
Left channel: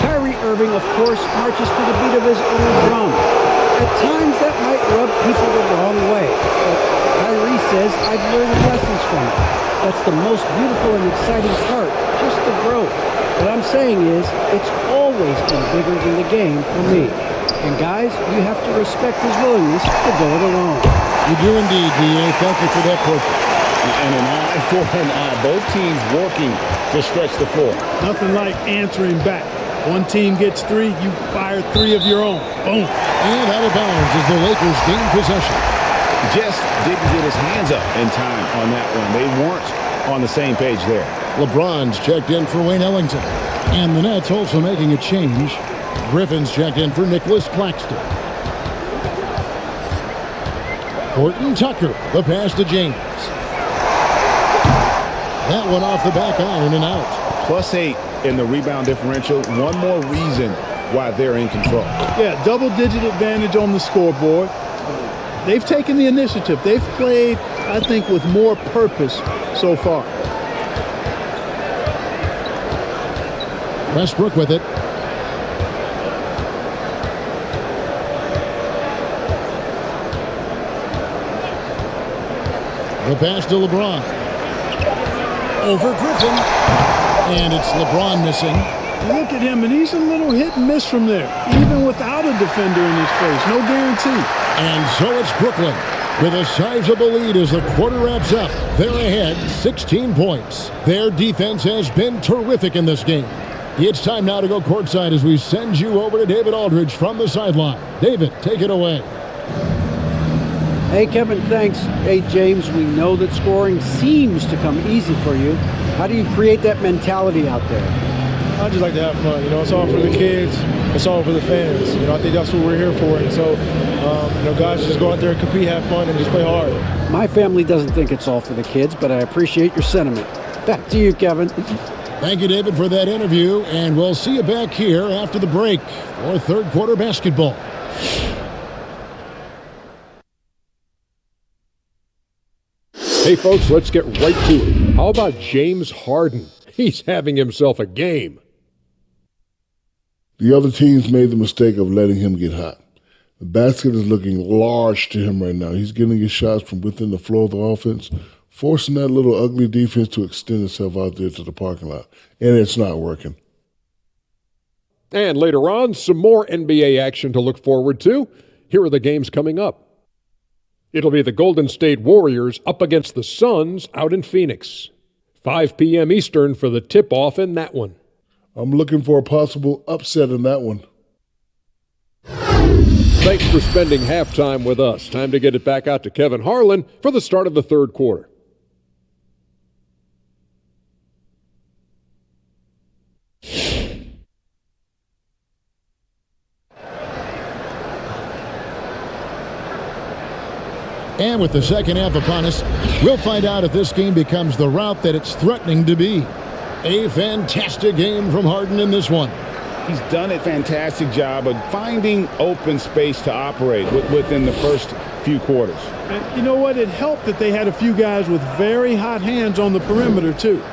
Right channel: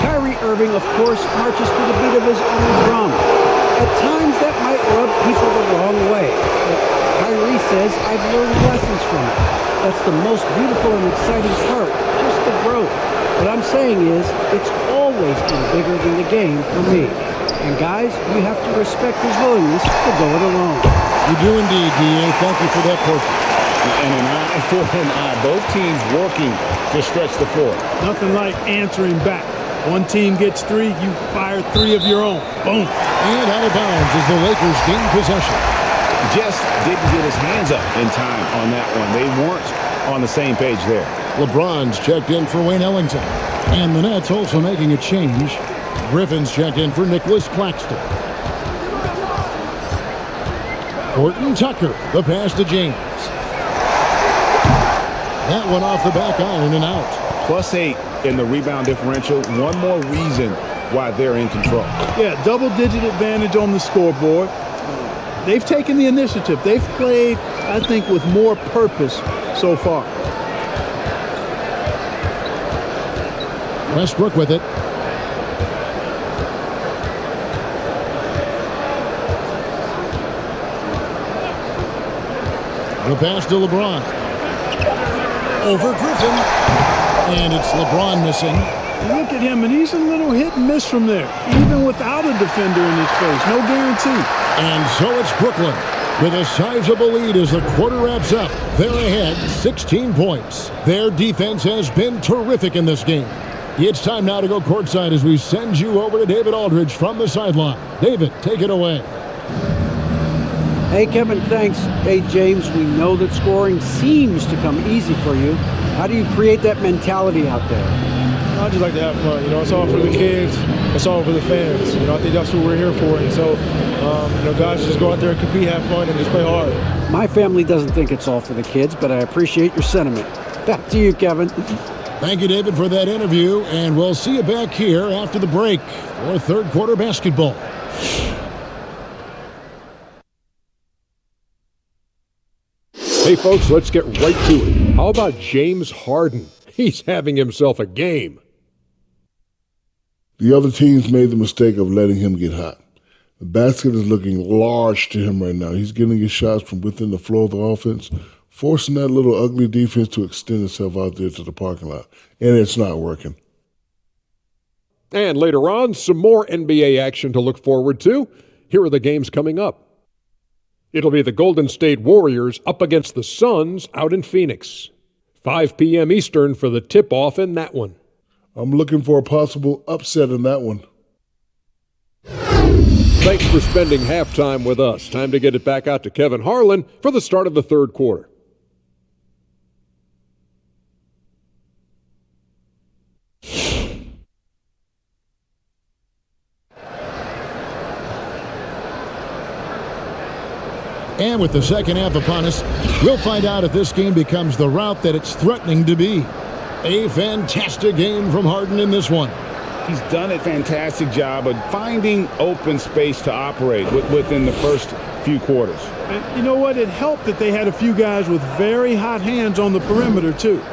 Kyrie Irving, of course, marches to the beat of his own drum. At times, that might rub people the wrong way. But Kyrie says, I've learned lessons from it. That's the most beautiful and exciting part, just the growth. What I'm saying is, it's always been bigger than the game for me. And guys, you have to respect his willingness to go it alone. You do indeed, D.A. Thank you for that portrait. And an eye for an eye. Both teams working to stretch the floor. Nothing like answering back. One team gets 3, you fire 3 of your own. Boom. And out of bounds as the Lakers gain possession. Just didn't get his hands up in time on that one. They weren't on the same page there. LeBron's checked in for Wayne Ellington. And the Nets also making a change. Griffin's checked in for Nicholas Claxton. Horton Tucker, the pass to James. That one off the back iron and out. +8 in the rebound differential. One more reason why they're in control. Yeah, double-digit advantage on the scoreboard. They've taken the initiative. They've played, I think, with more purpose so far. Westbrook with it. The pass to LeBron. Over Griffin. And it's LeBron missing. You look at him, and he's a little hit and miss from there, even without a defender in his face. No guarantee. And so it's Brooklyn with a sizable lead as the quarter wraps up. They're ahead 16 points. Their defense has been terrific in this game. It's time now to go courtside as we send you over to David Aldridge from the sideline. David, take it away. Hey, Kevin, thanks. Hey, James, we know that scoring seems to come easy for you. How do you create that mentality out there? I just like to have fun. It's all for the kids. It's all for the fans. I think that's what we're here for. And so, guys, just go out there and compete, have fun, and just play hard. My family doesn't think it's all for the kids, but I appreciate your sentiment. Back to you, Kevin. Thank you, David, for that interview, and we'll see you back here after the break for third quarter basketball. Hey, folks, let's get right to it. How about James Harden? He's having himself a game. The other teams made the mistake of letting him get hot. The basket is looking large to him right now. He's getting his shots from within the flow of the offense, forcing that little ugly defense to extend itself out there to the parking lot. And it's not working. And later on, some more NBA action to look forward to. Here are the games coming up. It'll be the Golden State Warriors up against the Suns out in Phoenix. 5 p.m. Eastern for the tip-off in that one. I'm looking for a possible upset in that one. Thanks for spending halftime with us. Time to get it back out to Kevin Harlan for the start of the third quarter. And with the second half upon us, we'll find out if this game becomes the rout that it's threatening to be. A fantastic game from Harden in this one. He's done a fantastic job of finding open space to operate within the first few quarters. And you know what? It helped that they had a few guys with very hot hands on the perimeter, too.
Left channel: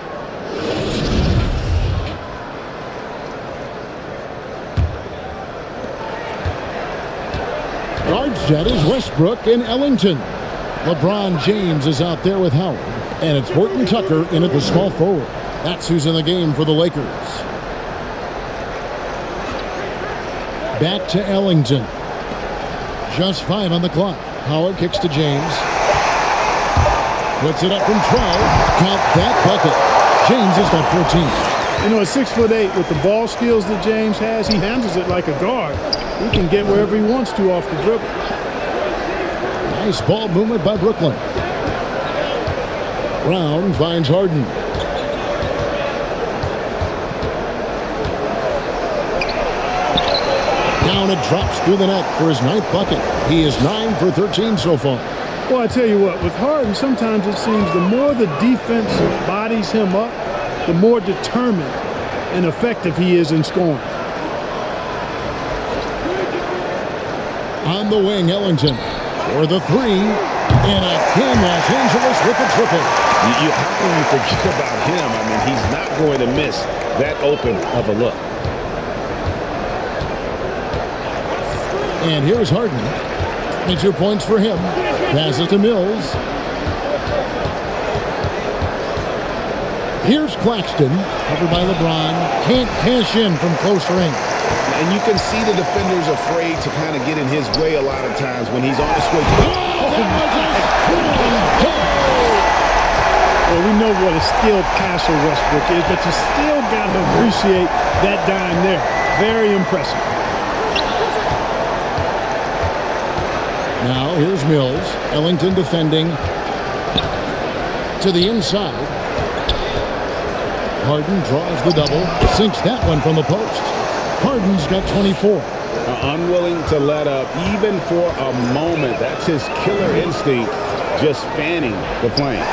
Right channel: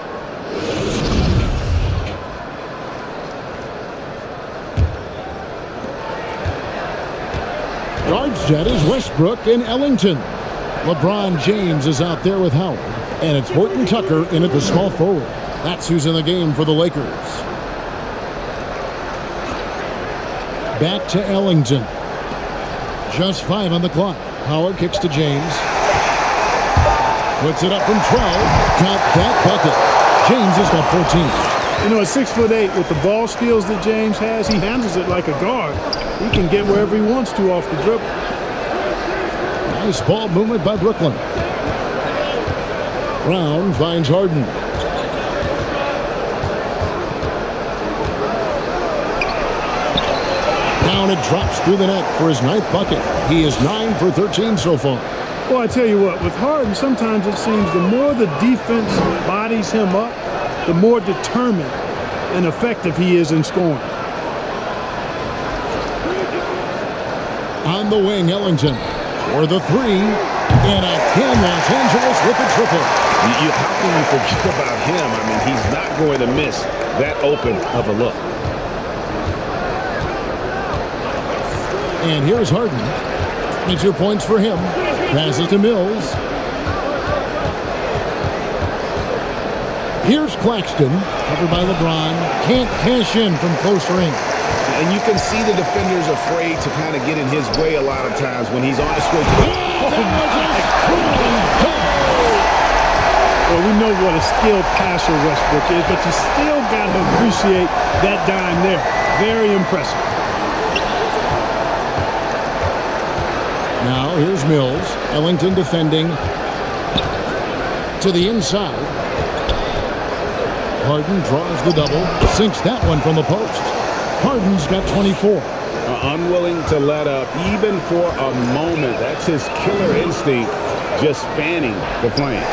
Guard set is Westbrook and Ellington. LeBron James is out there with Howard. And it's Horton Tucker in at the small forward. That's who's in the game for the Lakers. Back to Ellington. Just 5 on the clock. Howard kicks to James. Puts it up from 12. Count that bucket. James has got 14. At 6'8", with the ball skills that James has, he handles it like a guard. He can get wherever he wants to off the dribble. Nice ball movement by Brooklyn. Brown finds Harden. Down it drops through the net for his 9th bucket. He is 9 for 13 so far. Well, I tell you what, with Harden, sometimes it seems the more the defense bodies him up, the more determined and effective he is in scoring. On the wing, Ellington for the 3. And again, Los Angeles with the triple. How can you forget about him? I mean, he's not going to miss that open of a look. And here's Harden. 22 points for him. Passes to Mills. Here's Claxton, covered by LeBron. Can't cash in from close range. And you can see the defenders afraid to kind of get in his way a lot of times when he's on his way to the Well, we know what a skilled passer Westbrook is, but you still got to appreciate that dime there. Very impressive. Now here's Mills. Ellington defending to the inside. Harden draws the double, sinks that one from the post. Harden's got 24. Unwilling to let up even for a moment. That's his killer instinct, just fanning the flame.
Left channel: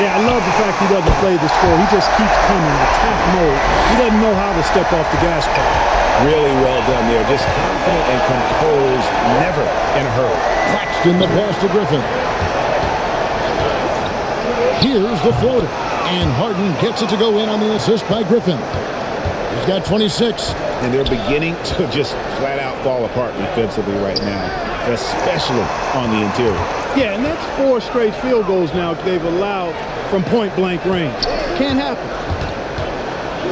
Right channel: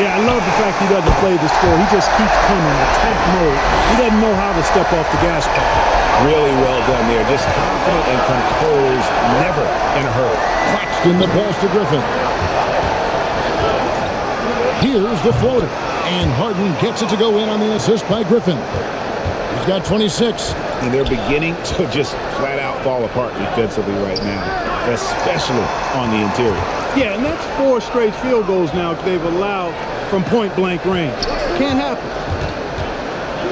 Yeah, I love the fact he doesn't play the score. He just keeps coming, attack mode. He doesn't know how to step off the gas pedal. Really well done there. Just confident and composed, never in a hurry. Claxton the pass to Griffin. Here's the floater. And Harden gets it to go in on the assist by Griffin. He's got 26. And they're beginning to just flat out fall apart defensively right now, especially on the interior. Yeah, and that's 4 straight field goals now they've allowed from point-blank range. Can't happen.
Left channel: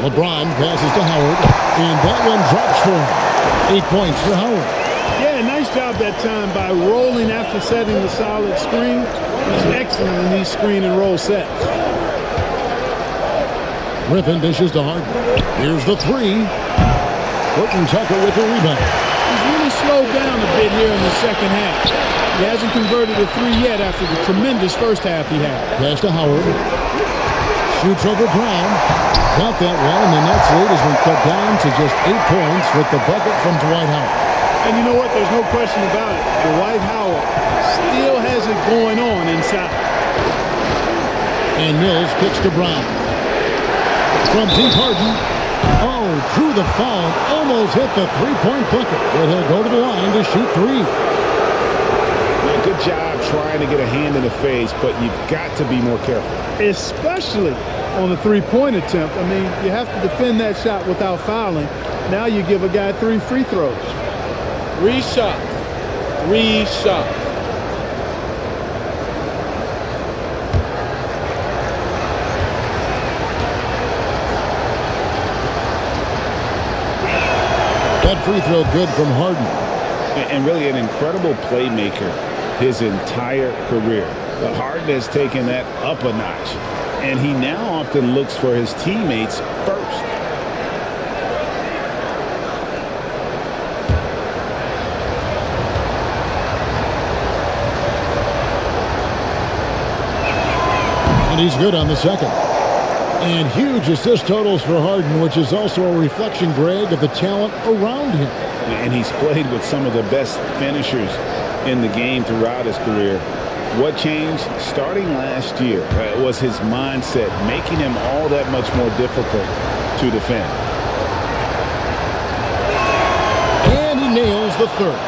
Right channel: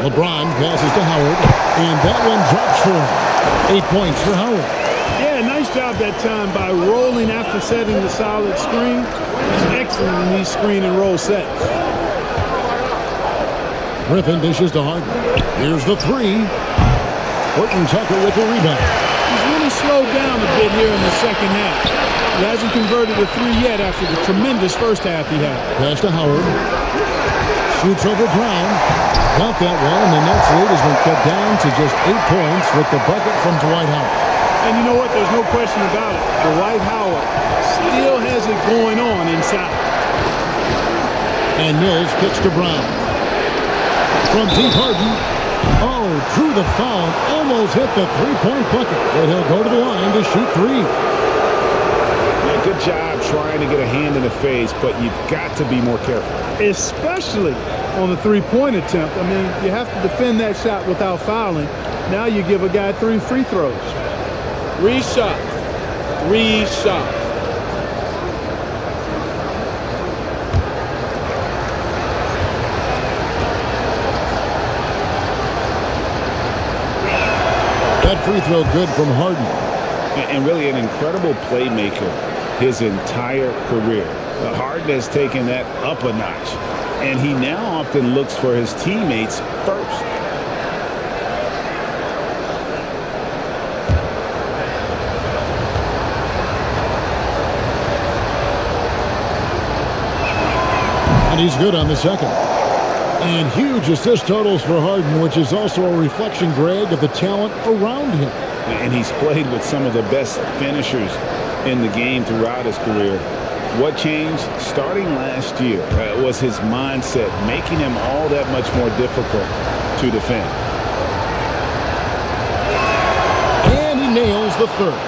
LeBron passes to Howard, and that one drops for him. 8 points for Howard. Yeah, nice job that time by rolling after setting the solid screen. He's excellent in these screen and roll sets. Griffin dishes to Harden. Here's the 3. Horton Tucker with the rebound. He's really really slowed down a bit here in the second half. He hasn't converted a three yet after the tremendous first half he had. Pass to Howard. Shoots over Brown. Got that one, and the Nets' lead has been cut down to just 8 points with the bucket from Dwight Howard. And you know what? There's no question about it. Dwight Howard still has it going on inside. And Mills kicks to Brown. From deep, Harden. Oh, drew the foul and almost hit the three-point bucket. But he'll go to the line to shoot three. Yeah, good job trying to get a hand in the face, but you've got to be more careful. Especially on the three-point attempt. I mean, you have to defend that shot without fouling. Now you give a guy 3 free throws. 3 shots. 3 shots. That free throw good from Harden. And really an incredible playmaker his entire career. Harden has taken that up a notch, and he now often looks for his teammates first. And he's good on the second. And huge assist totals for Harden, which is also a reflection, Greg, of the talent around him. And he's played with some of the best finishers in the game throughout his career. What changed starting last year was his mindset, making him all that much more difficult to defend. And he nails the third.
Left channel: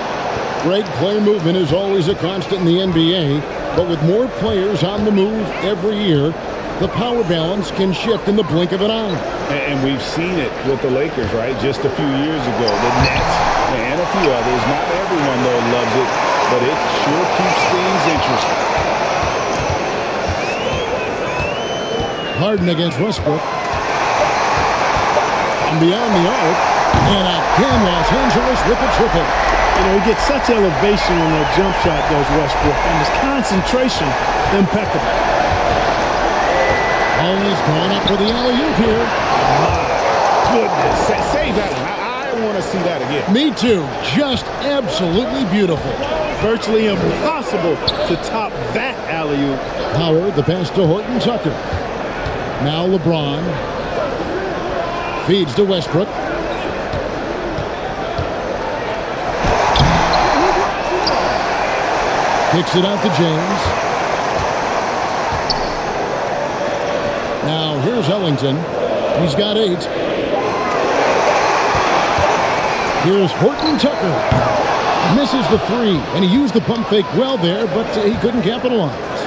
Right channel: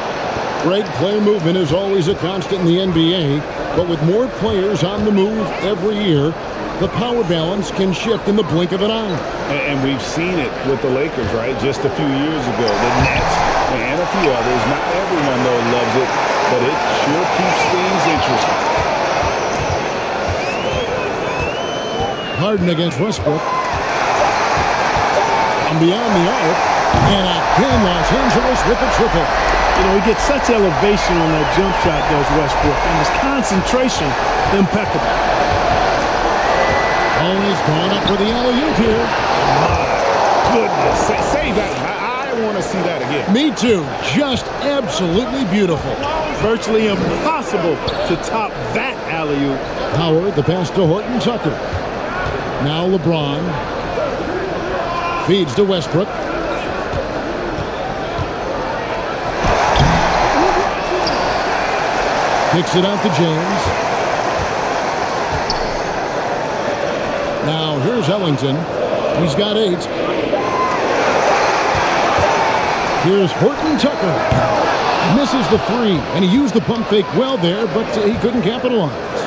Greg, player movement is always a constant in the NBA, but with more players on the move every year, the power balance can shift in the blink of an eye. And we've seen it with the Lakers, right? Just a few years ago. The Nets and a few others. Not everyone, though, loves it, but it sure keeps things interesting. Harden against Westbrook. From beyond the arc. And again, Los Angeles with the triple. You know, he gets such elevation on that jump shot, does Westbrook. And his concentration, impeccable. Always going up for the alley-oop here. My goodness. Save that one. I want to see that again. Me too. Just absolutely beautiful. Virtually impossible to top that alley-oop. Howard, the pass to Horton Tucker. Now LeBron. Feeds to Westbrook. Kicks it out to James. Now here's Ellington. He's got 8. Here's Horton Tucker. Misses the 3, and he used the pump fake well there, but he couldn't capitalize.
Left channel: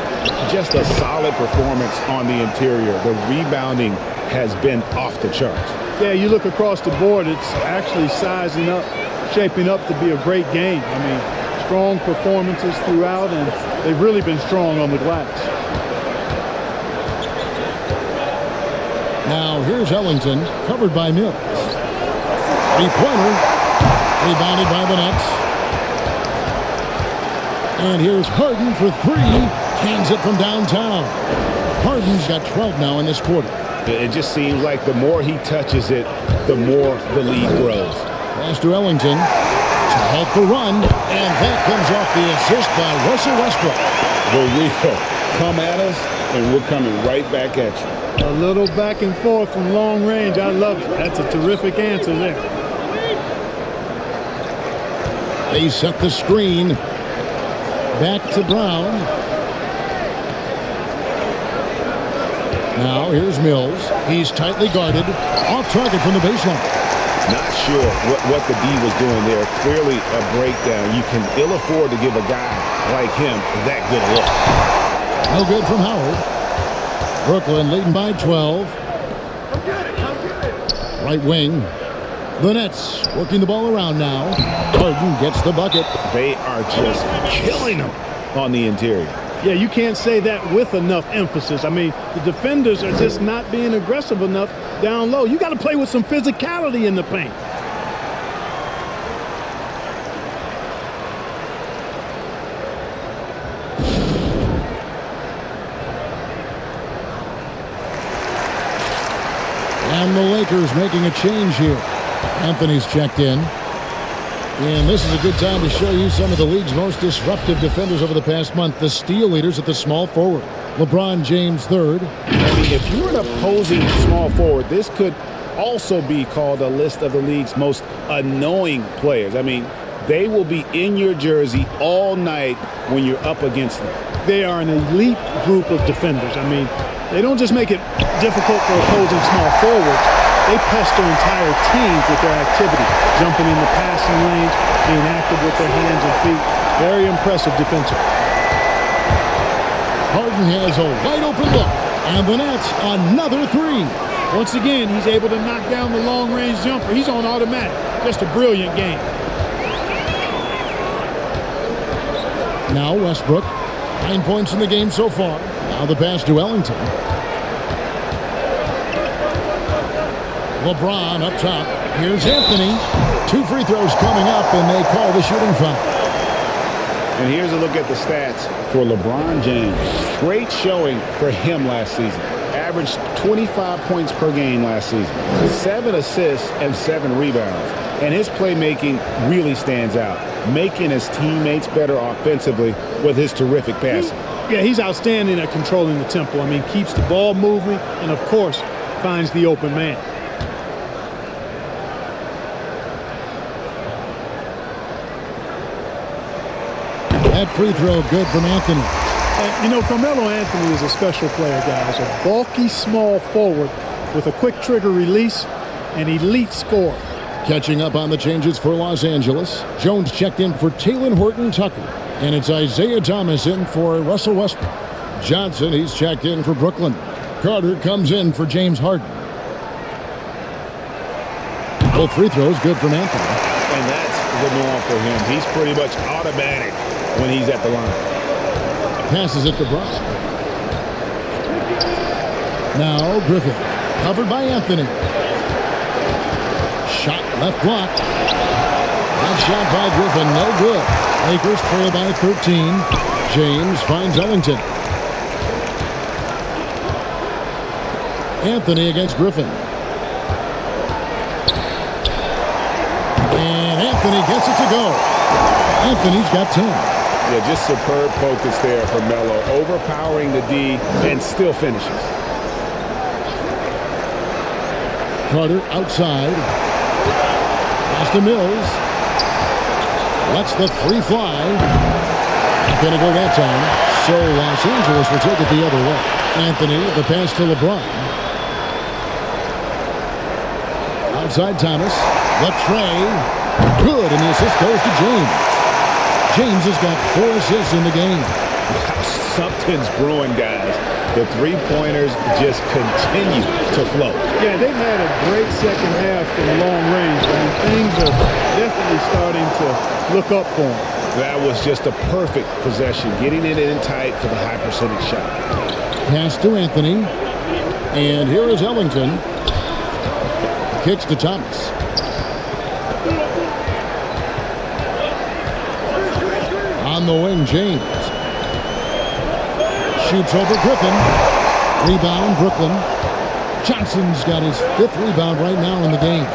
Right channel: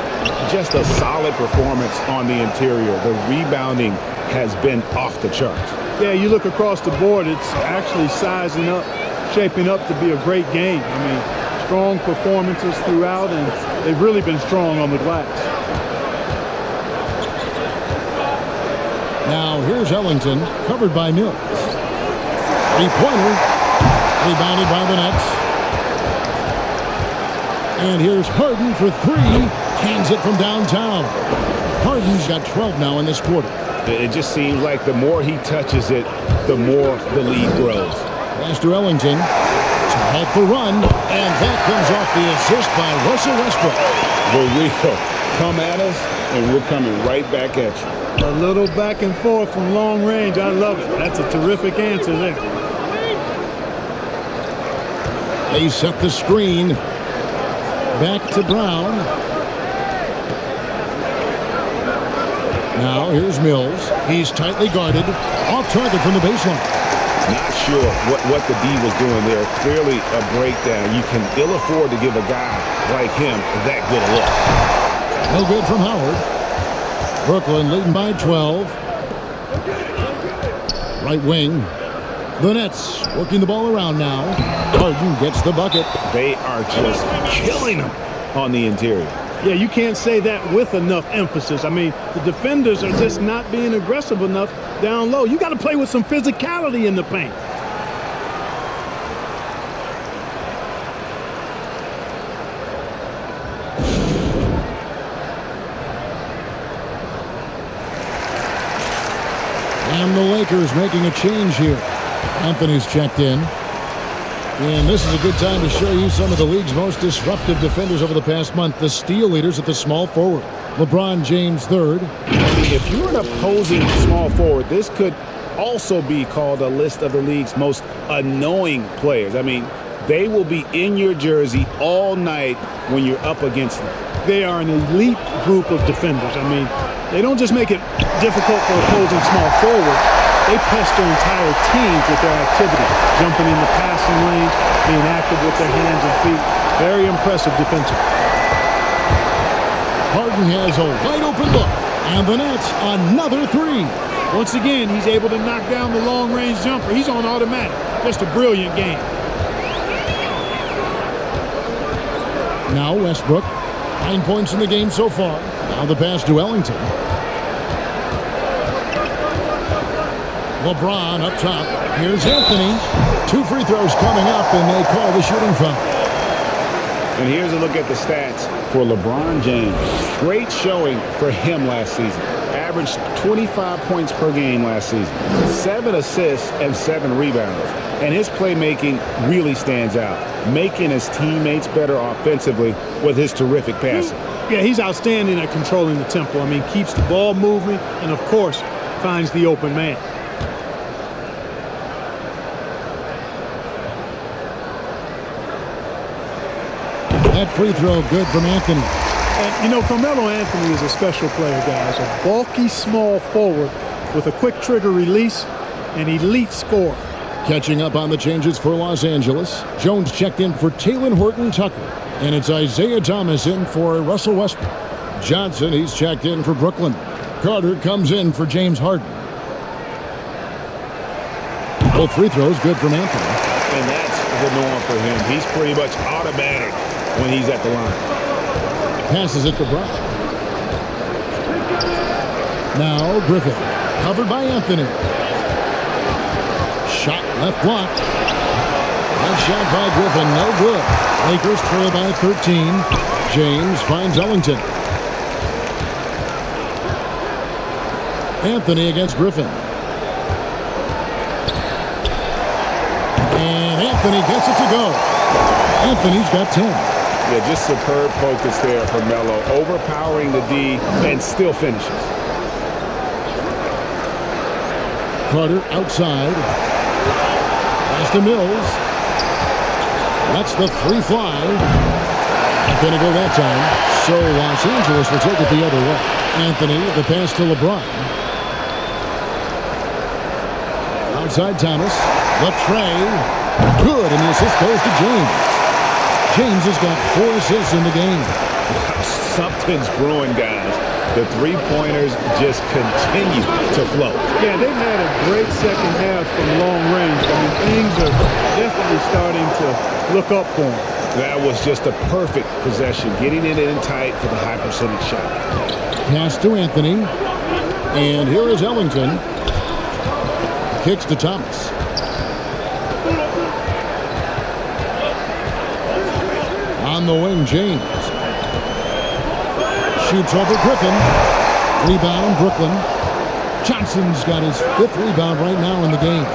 Just a solid performance on the interior. The rebounding has been off the charts. Yeah, you look across the board, it's actually sizing up, shaping up to be a great game. I mean, strong performances throughout, and they've really been strong on the glass. Now here's Ellington, covered by Mills. Three-pointer, rebounded by the Nets. And here's Harden for 3, cans it from downtown. Harden's got 12 now in this quarter. It just seems like the more he touches it, the more the lead grows. Pass to Ellington to halt the run, and that comes off the assist by Russell Westbrook. The real come at us, and we're coming right back at you. A little back and forth from long range. I love it. That's a terrific answer there. They set the screen. Back to Brown. Now here's Mills. He's tightly guarded. Off target from the baseline. Not sure what the D was doing there. Clearly a breakdown. You can ill afford to give a guy like him that good a look. No good from Howard. Brooklyn leading by 12. Right wing. The Nets working the ball around now. Harden gets the bucket. They are just killing them on the interior. Yeah, you can't say that with enough emphasis. I mean, the defenders are just not being aggressive enough down low. You got to play with some physicality in the paint. And the Lakers making a change here. Anthony's checked in. And this is a good time to show you some of the league's most disruptive defenders over the past month. The steal leaders at the small forward. LeBron James third. I mean, if you're an opposing small forward, this could also be called a list of the league's most annoying players. I mean, they will be in your jersey all night when you're up against them. They are an elite group of defenders. I mean, they don't just make it difficult for opposing small forwards. They pester entire teams with their activity, jumping in the passing lanes, being active with their hands and feet. Very impressive defensively. Harden has a wide open look, and the Nets another three. Once again, he's able to knock down the long-range jumper. He's on automatic. Just a brilliant game. Now Westbrook, 9 points in the game so far. Now the pass to Ellington. LeBron up top. Here's Anthony. 2 free throws coming up, and they call the shooting foul. And here's a look at the stats for LeBron James. Great showing for him last season. Averaged 25 points per game last season. 7 assists and 7 rebounds. And his playmaking really stands out, making his teammates better offensively with his terrific passing. Yeah, he's outstanding at controlling the tempo. I mean, keeps the ball moving and, of course, finds the open man. That free throw good from Anthony. And, you know, Carmelo Anthony is a special player, guys. A bulky small forward with a quick trigger release, an elite scorer. Catching up on the changes for Los Angeles. Jones checked in for Talen Horton-Tucker. And it's Isaiah Thomas in for Russell Westbrook. Johnson, he's checked in for Brooklyn. Carter comes in for James Harden. Both free throws good from Anthony. And that's the norm for him. He's pretty much automatic when he's at the line. Passes it to Brown. Now Griffin. Covered by Anthony. Shot left block. That shot by Griffin, no good. Lakers trail by 13. James finds Ellington. Anthony against Griffin. And Anthony gets it to go. Anthony's got 10. Yeah, just superb focus there for Melo, overpowering the D and still finishes. Carter outside. Pass to Mills. Lets the three fly. Not going to go that time. So Los Angeles will take it the other way. Anthony, the pass to LeBron. Outside Thomas. The tray. Good, and the assist goes to James. James has got 4 assists in the game. Wow, something's brewing, guys. The three-pointers just continue to flow. Yeah, they've had a great second half from long range. I mean, things are definitely starting to look up for them. That was just a perfect possession, getting it in tight for the high percentage shot. Pass to Anthony. And here is Ellington. Kicks to Thomas. On the wing, James. Shoots over Griffin. Rebound, Brooklyn. Johnson's got his 5th rebound right now in the game.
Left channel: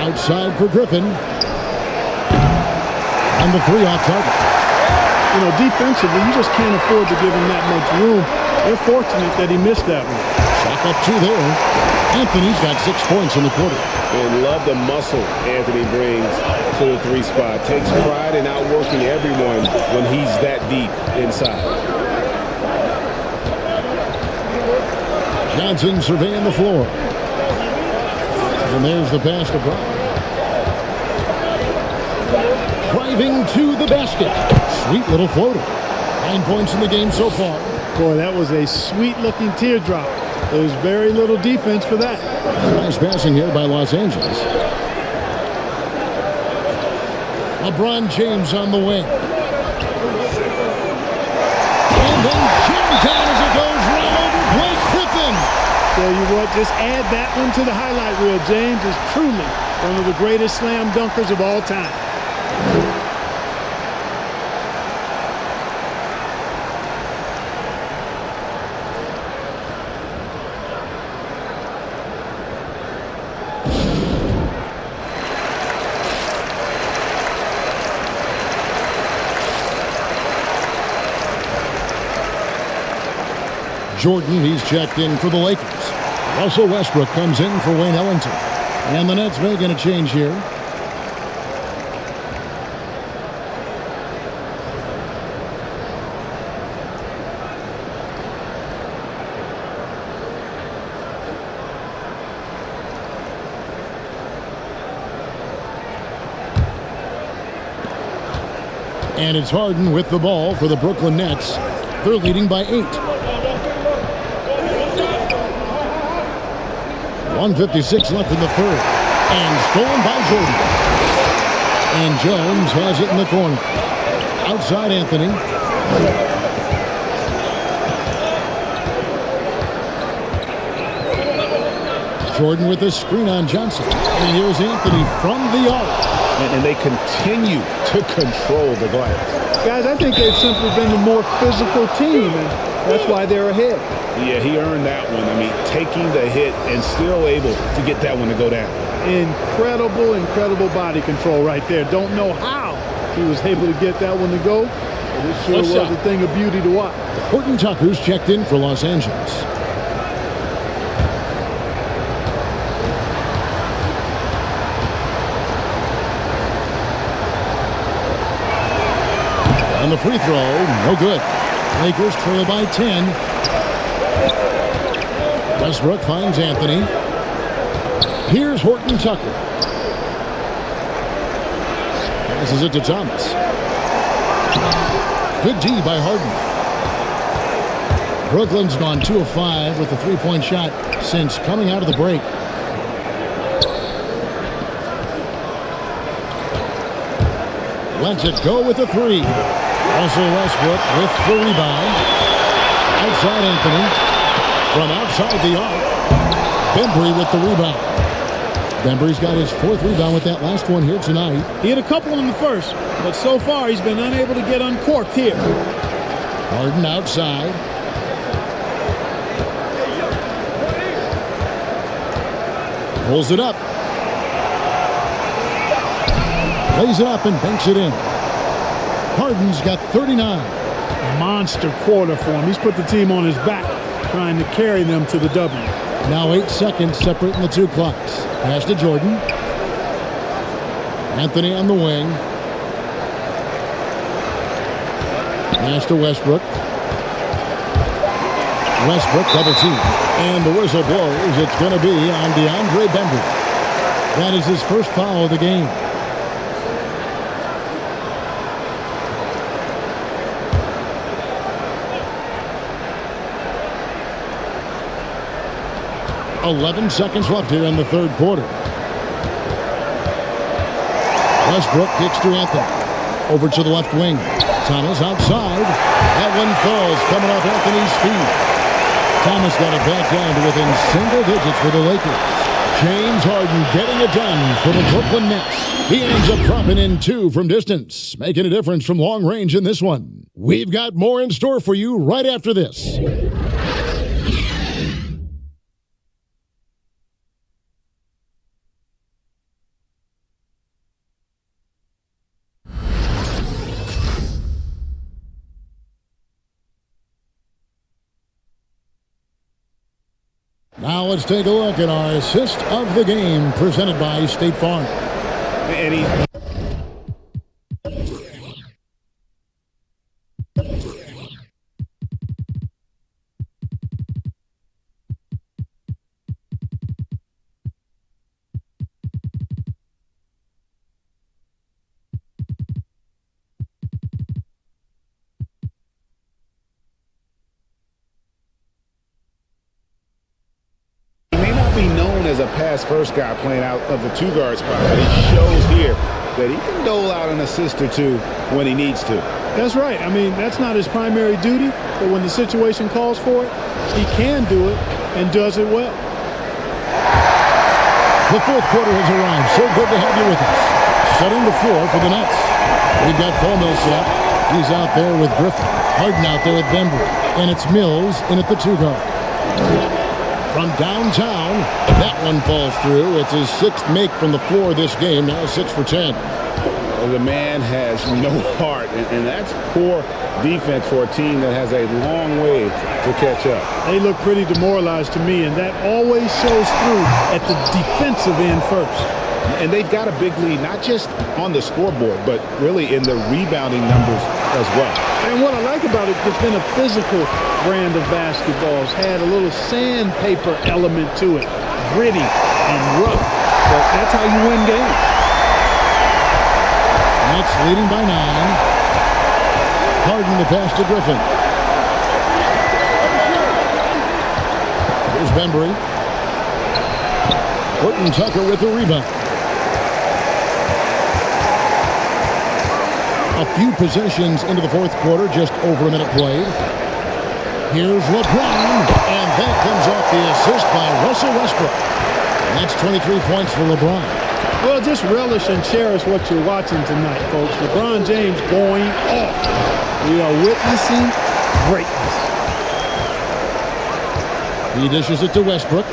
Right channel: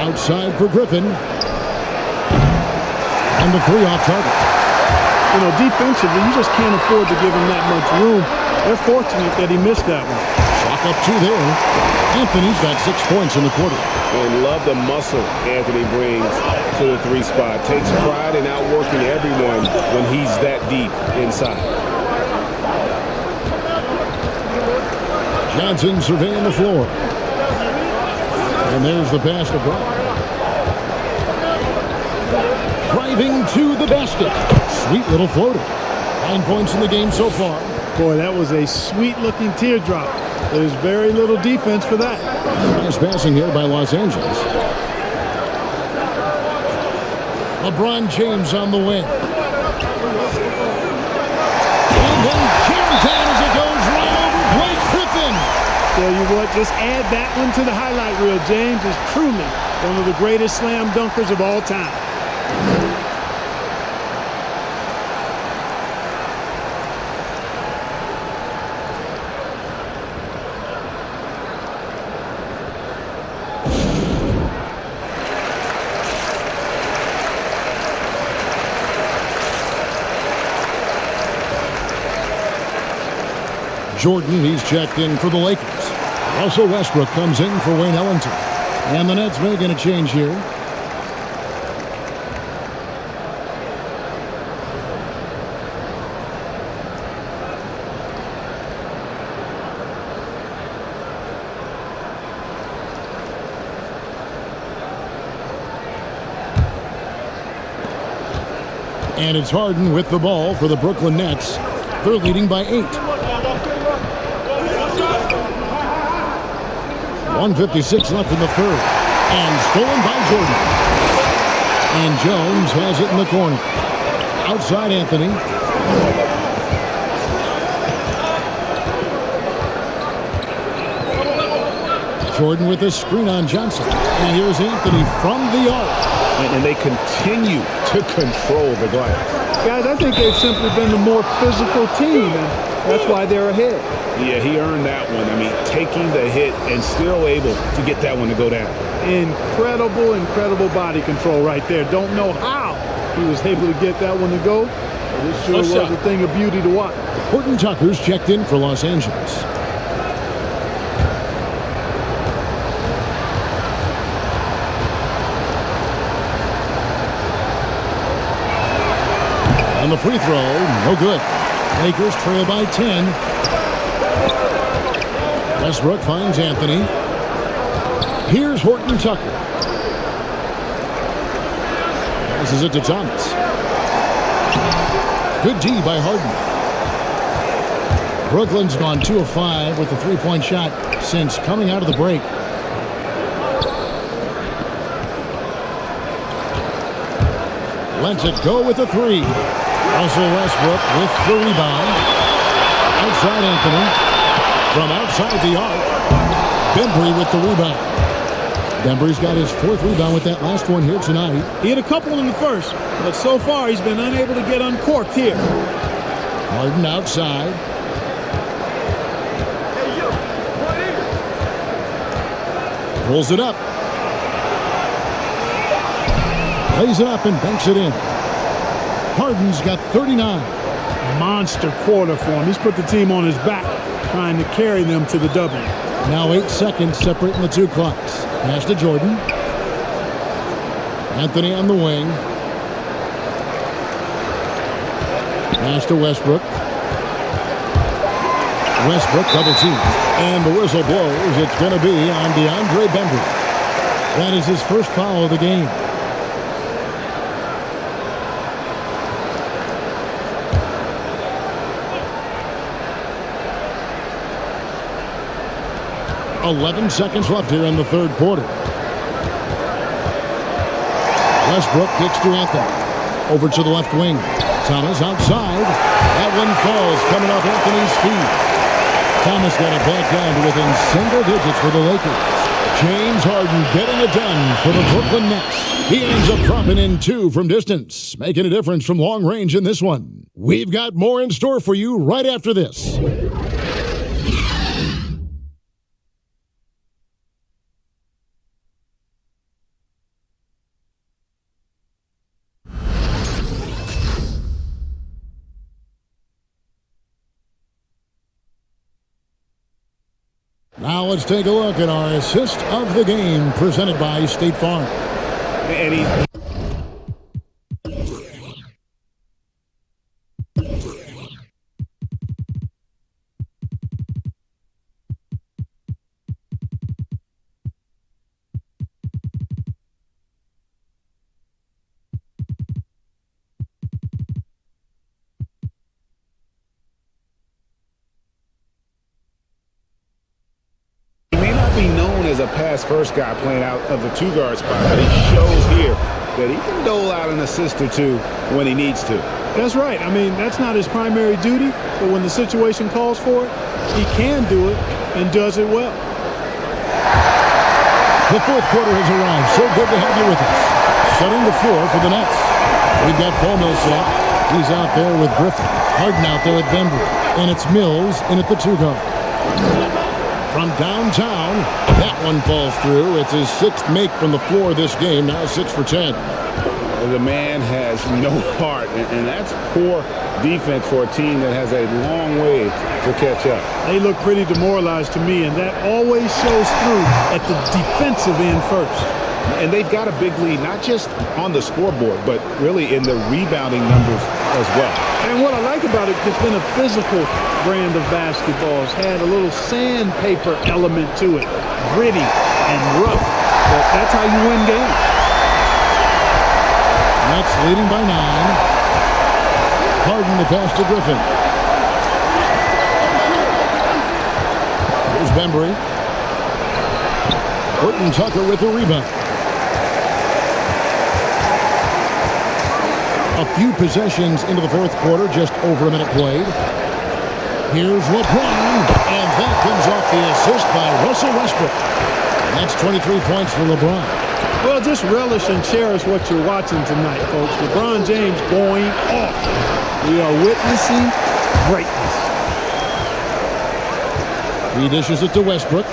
Outside for Griffin. And the 3 off target. You know, defensively, you just can't afford to give him that much room. They're fortunate that he missed that one. Chalk up 2 there. Anthony's got 6 points in the quarter. And love the muscle Anthony brings to the 3 spot. Takes pride in outworking everyone when he's that deep inside. Johnson surveying the floor. And there's the pass to Brown. Driving to the basket. Sweet little floater. 9 points in the game so far. Boy, that was a sweet-looking teardrop. There's very little defense for that. Nice passing here by Los Angeles. LeBron James on the wing. And then jammed down as it goes right over Blake Griffin. Tell you what, just add that one to the highlight reel. James is truly one of the greatest slam dunkers of all time. Jordan, he's checked in for the Lakers. Russell Westbrook comes in for Wayne Ellington. And the Nets making a change here. And it's Harden with the ball for the Brooklyn Nets. They're leading by 8. 1:56 left in the third. And stolen by Jordan. And Jones has it in the corner. Outside Anthony. Jordan with a screen on Johnson. And here's Anthony from the arc. And they continue to control the glass. Guys, I think they've simply been the more physical team, and that's why they're ahead. Yeah, he earned that one. I mean, taking the hit and still able to get that one to go down. Incredible body control right there. Don't know how he was able to get that one to go, but it sure was a thing of beauty to watch. Horton Tucker's checked in for Los Angeles. On the free throw, no good. Lakers trail by 10. Westbrook finds Anthony. Here's Horton Tucker. Passes it to Thomas. Good D by Harden. Brooklyn's gone 2 of 5 with the three-point shot since coming out of the break. Lets it go with a 3. Russell Westbrook with the rebound. Outside Anthony. From outside the arc. Bembry with the rebound. Bembry's got his 4th rebound with that last one here tonight. He had a couple in the first, but so far he's been unable to get uncorked here. Harden outside. Pulls it up. Lays it up and banks it in. Harden's got 39. Monster quarter for him. He's put the team on his back, trying to carry them to the W. Now 8 seconds separating the 2 clocks. Pass to Jordan. Anthony on the wing. Pass to Westbrook. Westbrook double team. And the whistle blows. It's going to be on DeAndre Bembry. That is his first foul of the game. .11 seconds left here in the third quarter. Westbrook kicks to Anthony. Over to the left wing. Thomas outside. That one falls coming off Anthony's feet. Thomas got it back down to within single digits for the Lakers. James Harden getting it done for the Brooklyn Nets. He ends up dropping in 2 from distance, making a difference from long range in this one. We've got more in store for you right after this. Now let's take a look at our assist of the game presented by State Farm. And he may not be known as a pass-first guy playing out of the 2-guard spot, but he shows here that he can dole out an assist or 2 when he needs to. That's right. I mean, that's not his primary duty, but when the situation calls for it, he can do it and does it well. The fourth quarter has arrived. So good to have you with us. Setting the floor for the Nets. We've got Paul Millsap. He's out there with Griffin. Harden out there with Bembry. And it's Mills in at the 2-guard. From downtown, that one falls through. It's his 6th make from the floor this game, now 6 for 10. The man has no heart, and that's poor defense for a team that has a long way to catch up. They look pretty demoralized to me, and that always shows through at the defensive end first. And they've got a big lead, not just on the scoreboard, but really in the rebounding numbers as well. And what I like about it, it's been a physical brand of basketball. It's had a little sandpaper element to it, gritty and rough, but that's how you win games. Nets leading by 9. Harden the pass to Griffin. Here's Bembry. Horton Tucker with the rebound. A few possessions into the fourth quarter, just over a minute played. Here's LeBron, and that comes off the assist by Russell Westbrook. And that's 23 points for LeBron. Well, just relish and cherish what you're watching tonight, folks. LeBron James going off. We are witnessing greatness. He dishes it to Westbrook.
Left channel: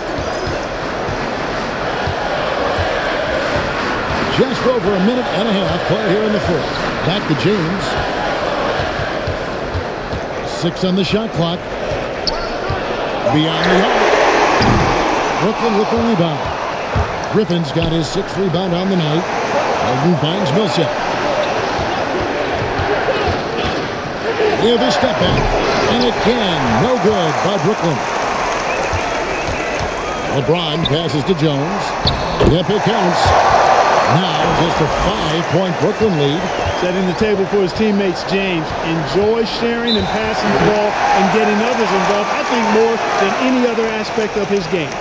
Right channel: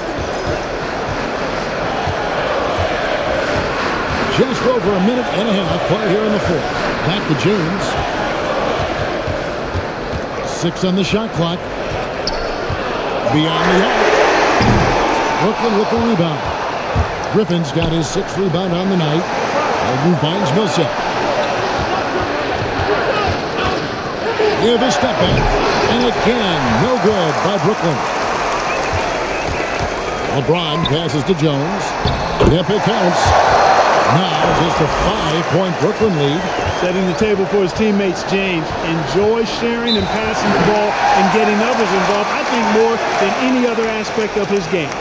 Just over a minute and a half played here in the fourth. Back to James. 6 on the shot clock. Beyond the arc. Brooklyn with the rebound. Griffin's got his 6th rebound on the night. Harden finds Millsap. Near the step back. And again, no good by Brooklyn. LeBron passes to Jones. Yep, it counts. Now just a 5-point Brooklyn lead. Setting the table for his teammates, James enjoys sharing and passing the ball and getting others involved, I think, more than any other aspect of his game.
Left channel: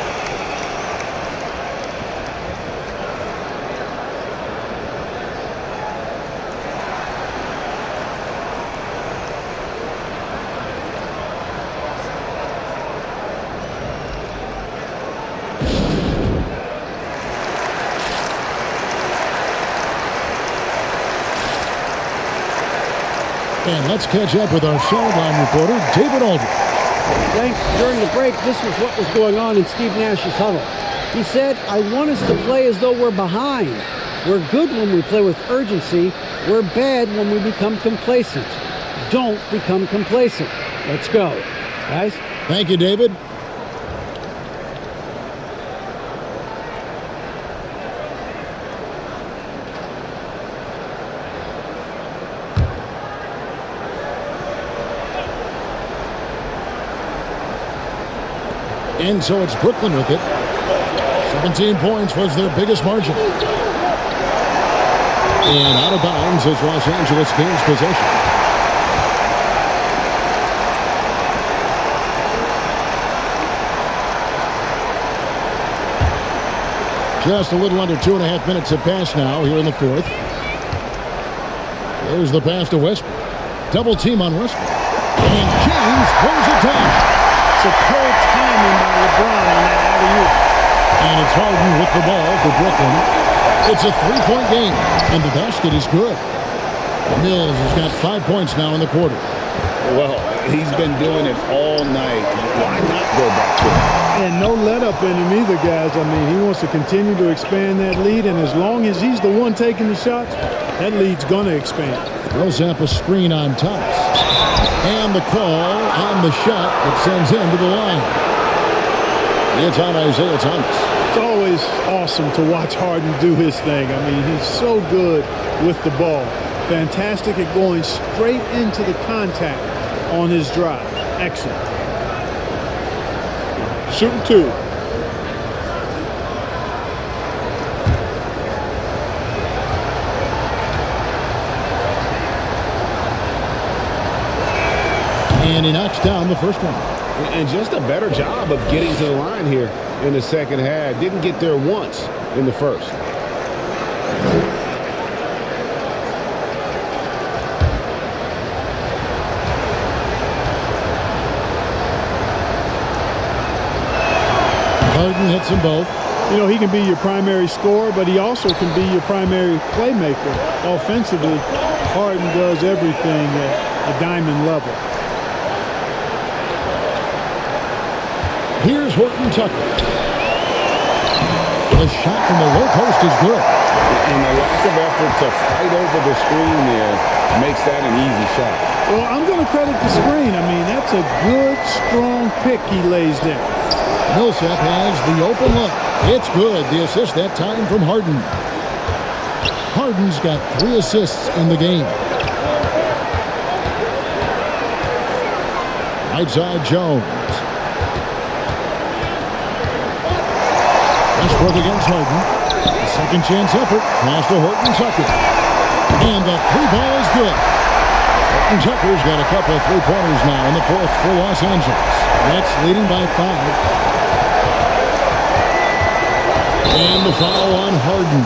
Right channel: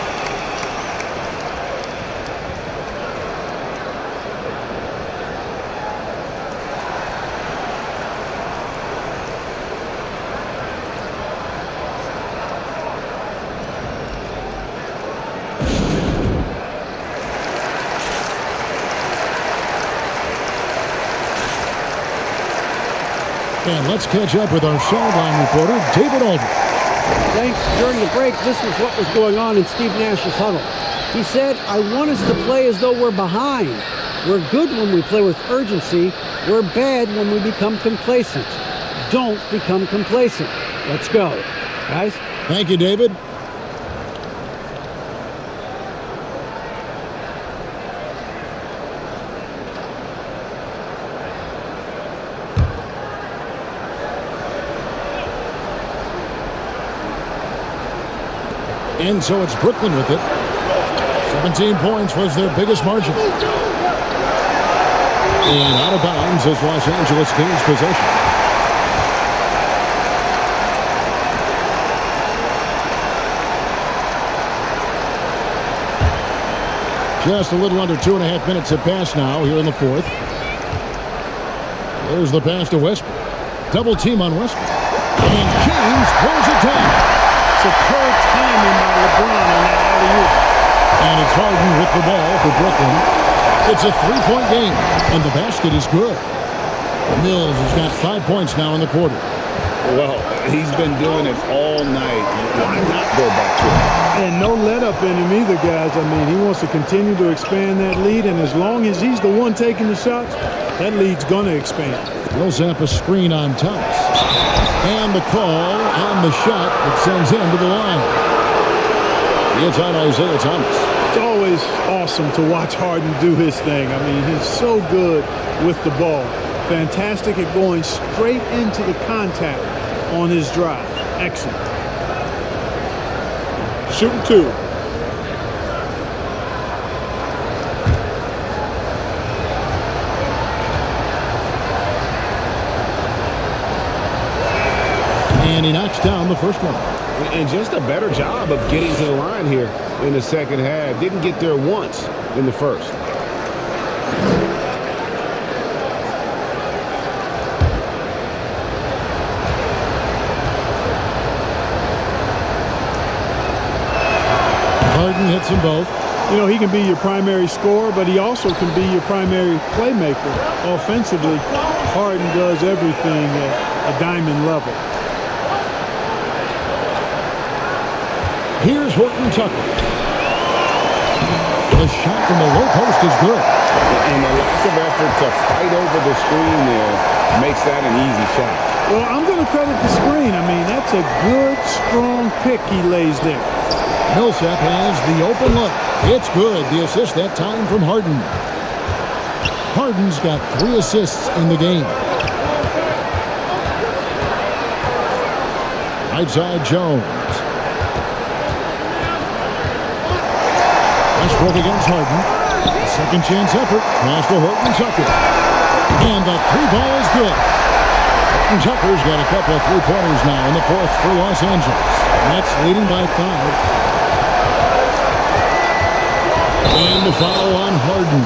And let's catch up with our sideline reporter, David Aldridge. Thanks. During the break, this was what was going on in Steve Nash's huddle. He said, I want us to play as though we're behind. We're good when we play with urgency. We're bad when we become complacent. Don't become complacent. Let's go. Guys? Thank you, David. And so it's Brooklyn with it. 17 points was their biggest margin. And out of bounds as Los Angeles gains possession. Just a little under 2.5 minutes have passed now here in the fourth. There's the pass to Westbrook. Double team on Westbrook. And James throws it down. Superb timing by LeBron on that alley-oop. And it's Harden with the ball for Brooklyn. It's a 3-point game, and the basket is good. Mills has got 5 points now in the quarter. Well, he's been doing it all night. Why not go back to it? And no let-up in him either, guys. I mean, he wants to continue to expand that lead, and as long as he's the one taking the shots, that lead's going to expand. Millsap a screen on Thomas. And the call on the shot that sends him to the line. It's on Isaiah Thomas. It's always awesome to watch Harden do his thing. I mean, he's so good with the ball. Fantastic at going straight into the contact on his drive. Excellent. Shooting 2. And he knocks down the first one. And just a better job of getting to the line here in the second half. Didn't get there once in the first. Harden hits them both. You know, he can be your primary scorer, but he also can be your primary playmaker. Offensively, Harden does everything at a diamond level. Here's Horton Tucker. The shot from the low post is good. And the lack of effort to fight over the screen there makes that an easy shot. Well, I'm going to credit the screen. I mean, that's a good, strong pick he lays there. Millsap has the open look. It's good. The assist that time from Harden. Harden's got 3 assists in the game. Right side, Jones. Westbrook against Harden. A second chance effort. Pass to Horton Tucker. And the 3-ball is good. Horton Tucker's got a couple of 3-pointers now in the 4th for Los Angeles. Nets leading by 5. And the foul on Harden.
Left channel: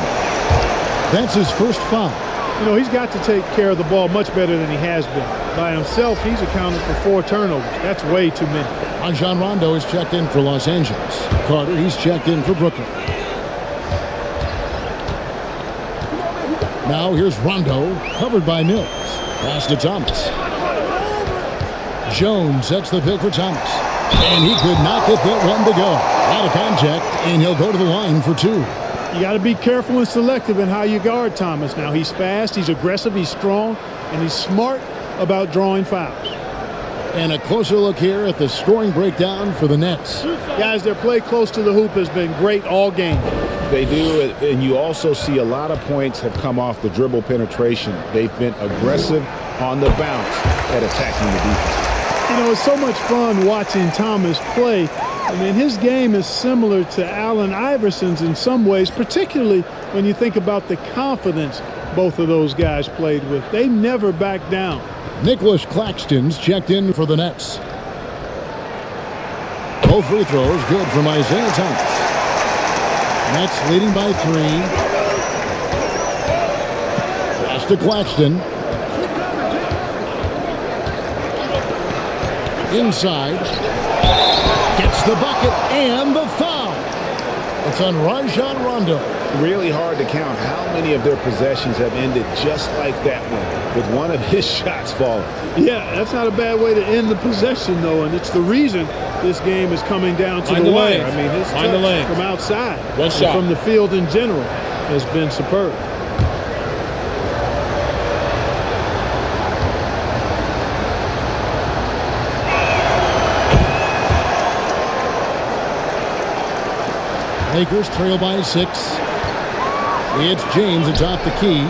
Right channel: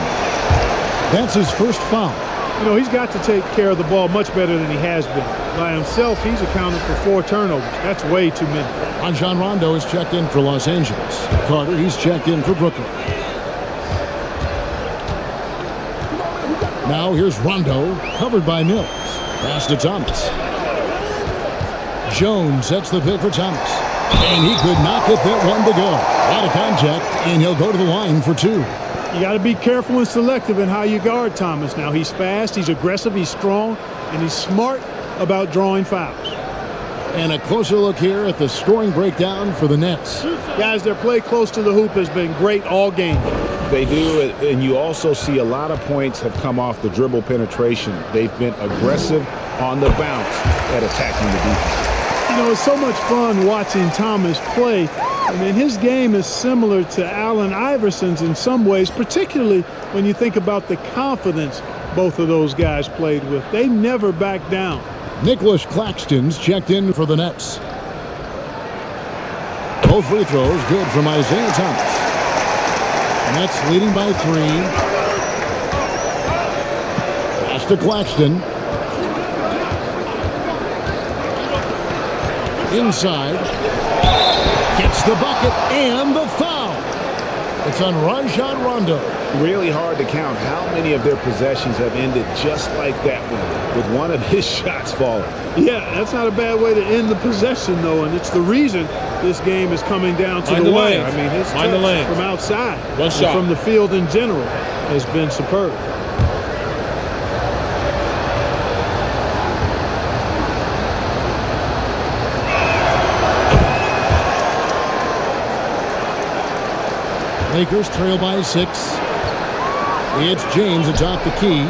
That's his first foul. You know, he's got to take care of the ball much better than he has been. By himself, he's accounted for 4 turnovers. That's way too many. Rajon Rondo is checked in for Los Angeles. Carter, he's checked in for Brooklyn. Now here's Rondo, covered by Mills. Pass to Thomas. Jones sets the pick for Thomas. And he could not get that one to go. A lot of contact, and he'll go to the line for 2. You got to be careful and selective in how you guard Thomas. Now, he's fast, he's aggressive, he's strong, and he's smart about drawing fouls. And a closer look here at the scoring breakdown for the Nets. Guys, their play close to the hoop has been great all game. They do, and you also see a lot of points have come off the dribble penetration. They've been aggressive on the bounce at attacking the defense. You know, it's so much fun watching Thomas play. I mean, his game is similar to Allen Iverson's in some ways, particularly when you think about the confidence both of those guys played with. They never back down. Nicholas Claxton's checked in for the Nets. Both free throws good from Isaiah Thomas. Nets leading by 3. Pass to Claxton. Inside. Gets the bucket and the foul. It's on Rajon Rondo. Really hard to count how many of their possessions have ended just like that one, with one of his shots falling. Yeah, that's not a bad way to end the possession, though, and it's the reason this game is coming down to the wire. I mean, his touch from outside, one shot from the field in general, has been superb. Lakers trail by 6. It's James atop the key.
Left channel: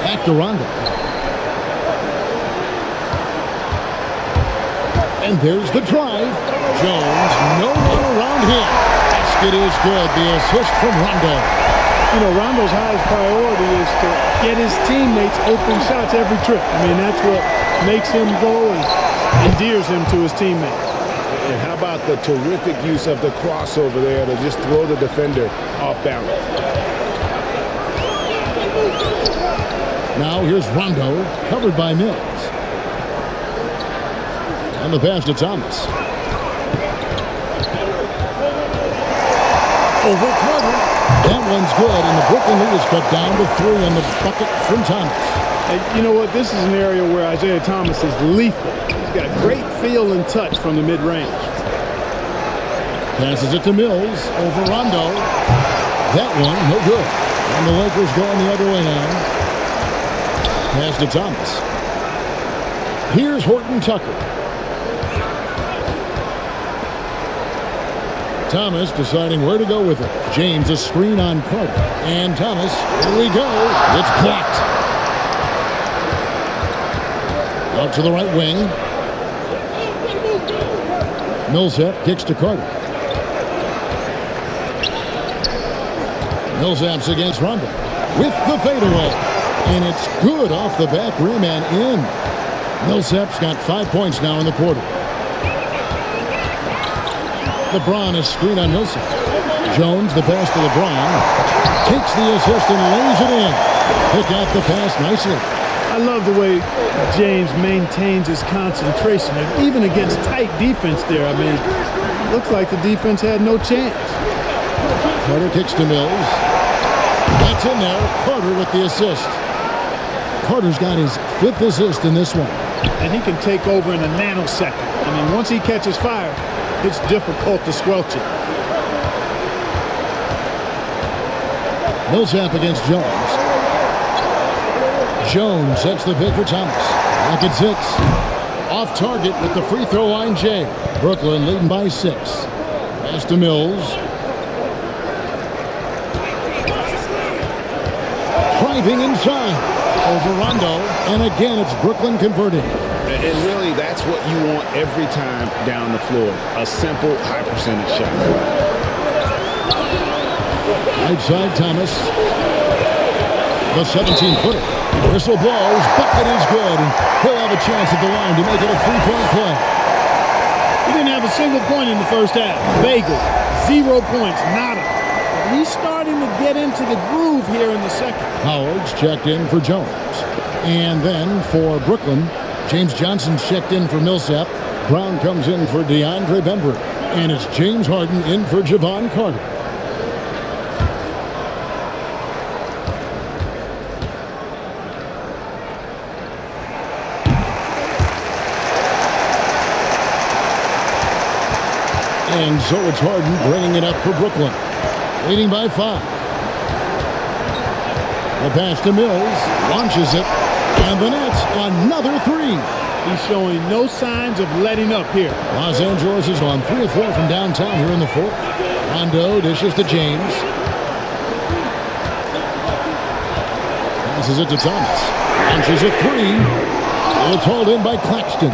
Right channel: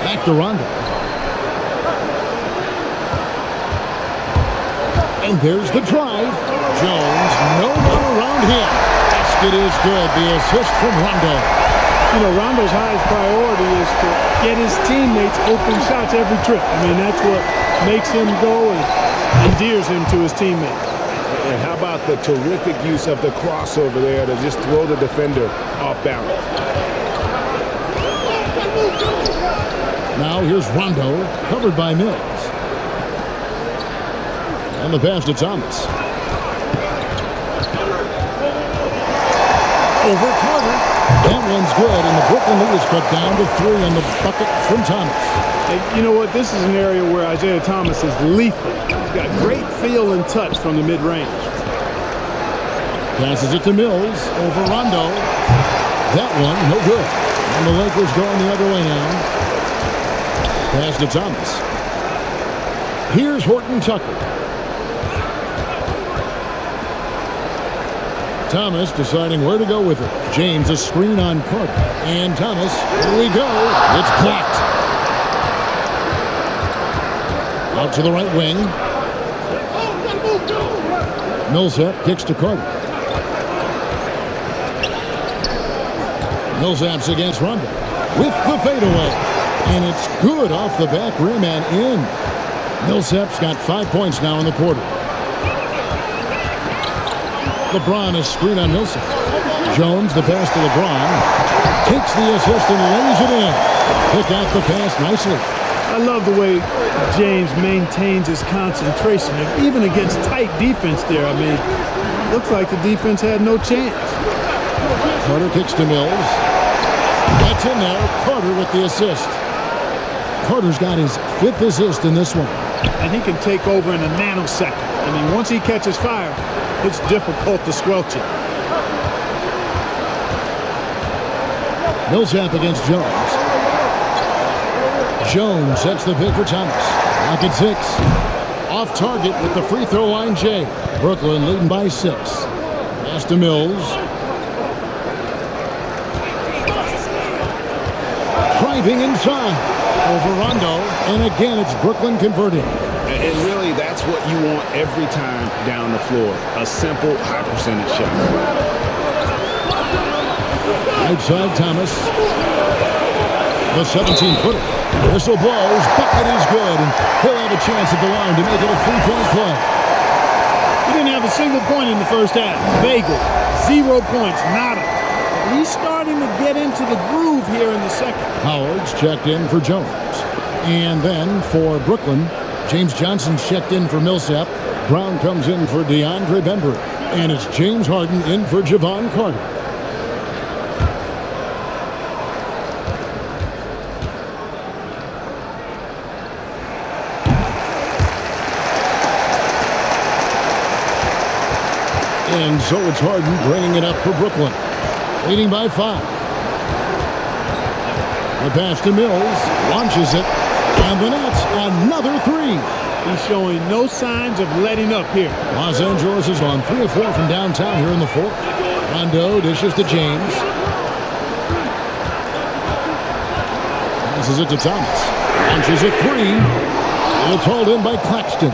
Back to Rondo. And there's the drive. Jones, no one around him. Basket is good. The assist from Rondo. You know, Rondo's highest priority is to get his teammates open shots every trip. I mean, that's what makes him go and endears him to his teammates. And how about the terrific use of the crossover there to just throw the defender off balance? Now here's Rondo, covered by Mills. And the pass to Thomas. Over Carter. That one's good, and the Brooklyn lead is cut down to 3 on the bucket from Thomas. And you know what? This is an area where Isaiah Thomas is lethal. He's got great feel and touch from the mid-range. Passes it to Mills over Rondo. That one, no good. And the Lakers going the other way now. Pass to Thomas. Here's Horton Tucker. Thomas deciding where to go with it. James a screen on Carter. And Thomas, here we go. It's blocked. Out to the right wing. Millsap kicks to Carter. Millsap's against Rondo with the fadeaway. And it's good off the back rim and in. Millsap's got 5 points now in the quarter. LeBron is screen on Millsap. Jones, the pass to LeBron. Takes the assist and lays it in. Pick out the pass nicely. I love the way James maintains his concentration, even against tight defense there. I mean, looks like the defense had no chance. Carter kicks to Mills. That's in there. Carter with the assist. Carter's got his 5th assist in this one. And he can take over in a nanosecond. I mean, once he catches fire, it's difficult to squelch it. Millsap against Jones. Jones sets the pick for Thomas. Clock at 6. Off target with the free throw line, Jay. Brooklyn leading by 6. Pass to Mills. Driving inside. Over Rondo. And again, it's Brooklyn converting. And really, that's what you want every time down the floor. A simple, high-percentage shot. Right side, Thomas. The 17-footer. Whistle blows. Bucket is good. And he'll have a chance at the line to make it a 3-point play. He didn't have a single point in the first half. Bagel. 0 points. Nada. But he's starting to get into the groove here in the second. Howard's checked in for Jones. And then for Brooklyn, James Johnson's checked in for Millsap. Brown comes in for DeAndre Bembry. And it's James Harden in for Javon Carter. And so it's Harden bringing it up for Brooklyn. Leading by 5. The pass to Mills. Launches it. And the Nets, another 3. He's showing no signs of letting up here. Los Angeles is on 3 of 4 from downtown here in the 4th. Rondo dishes to James. Passes it to Thomas. Launches a 3. It's hauled in by Claxton.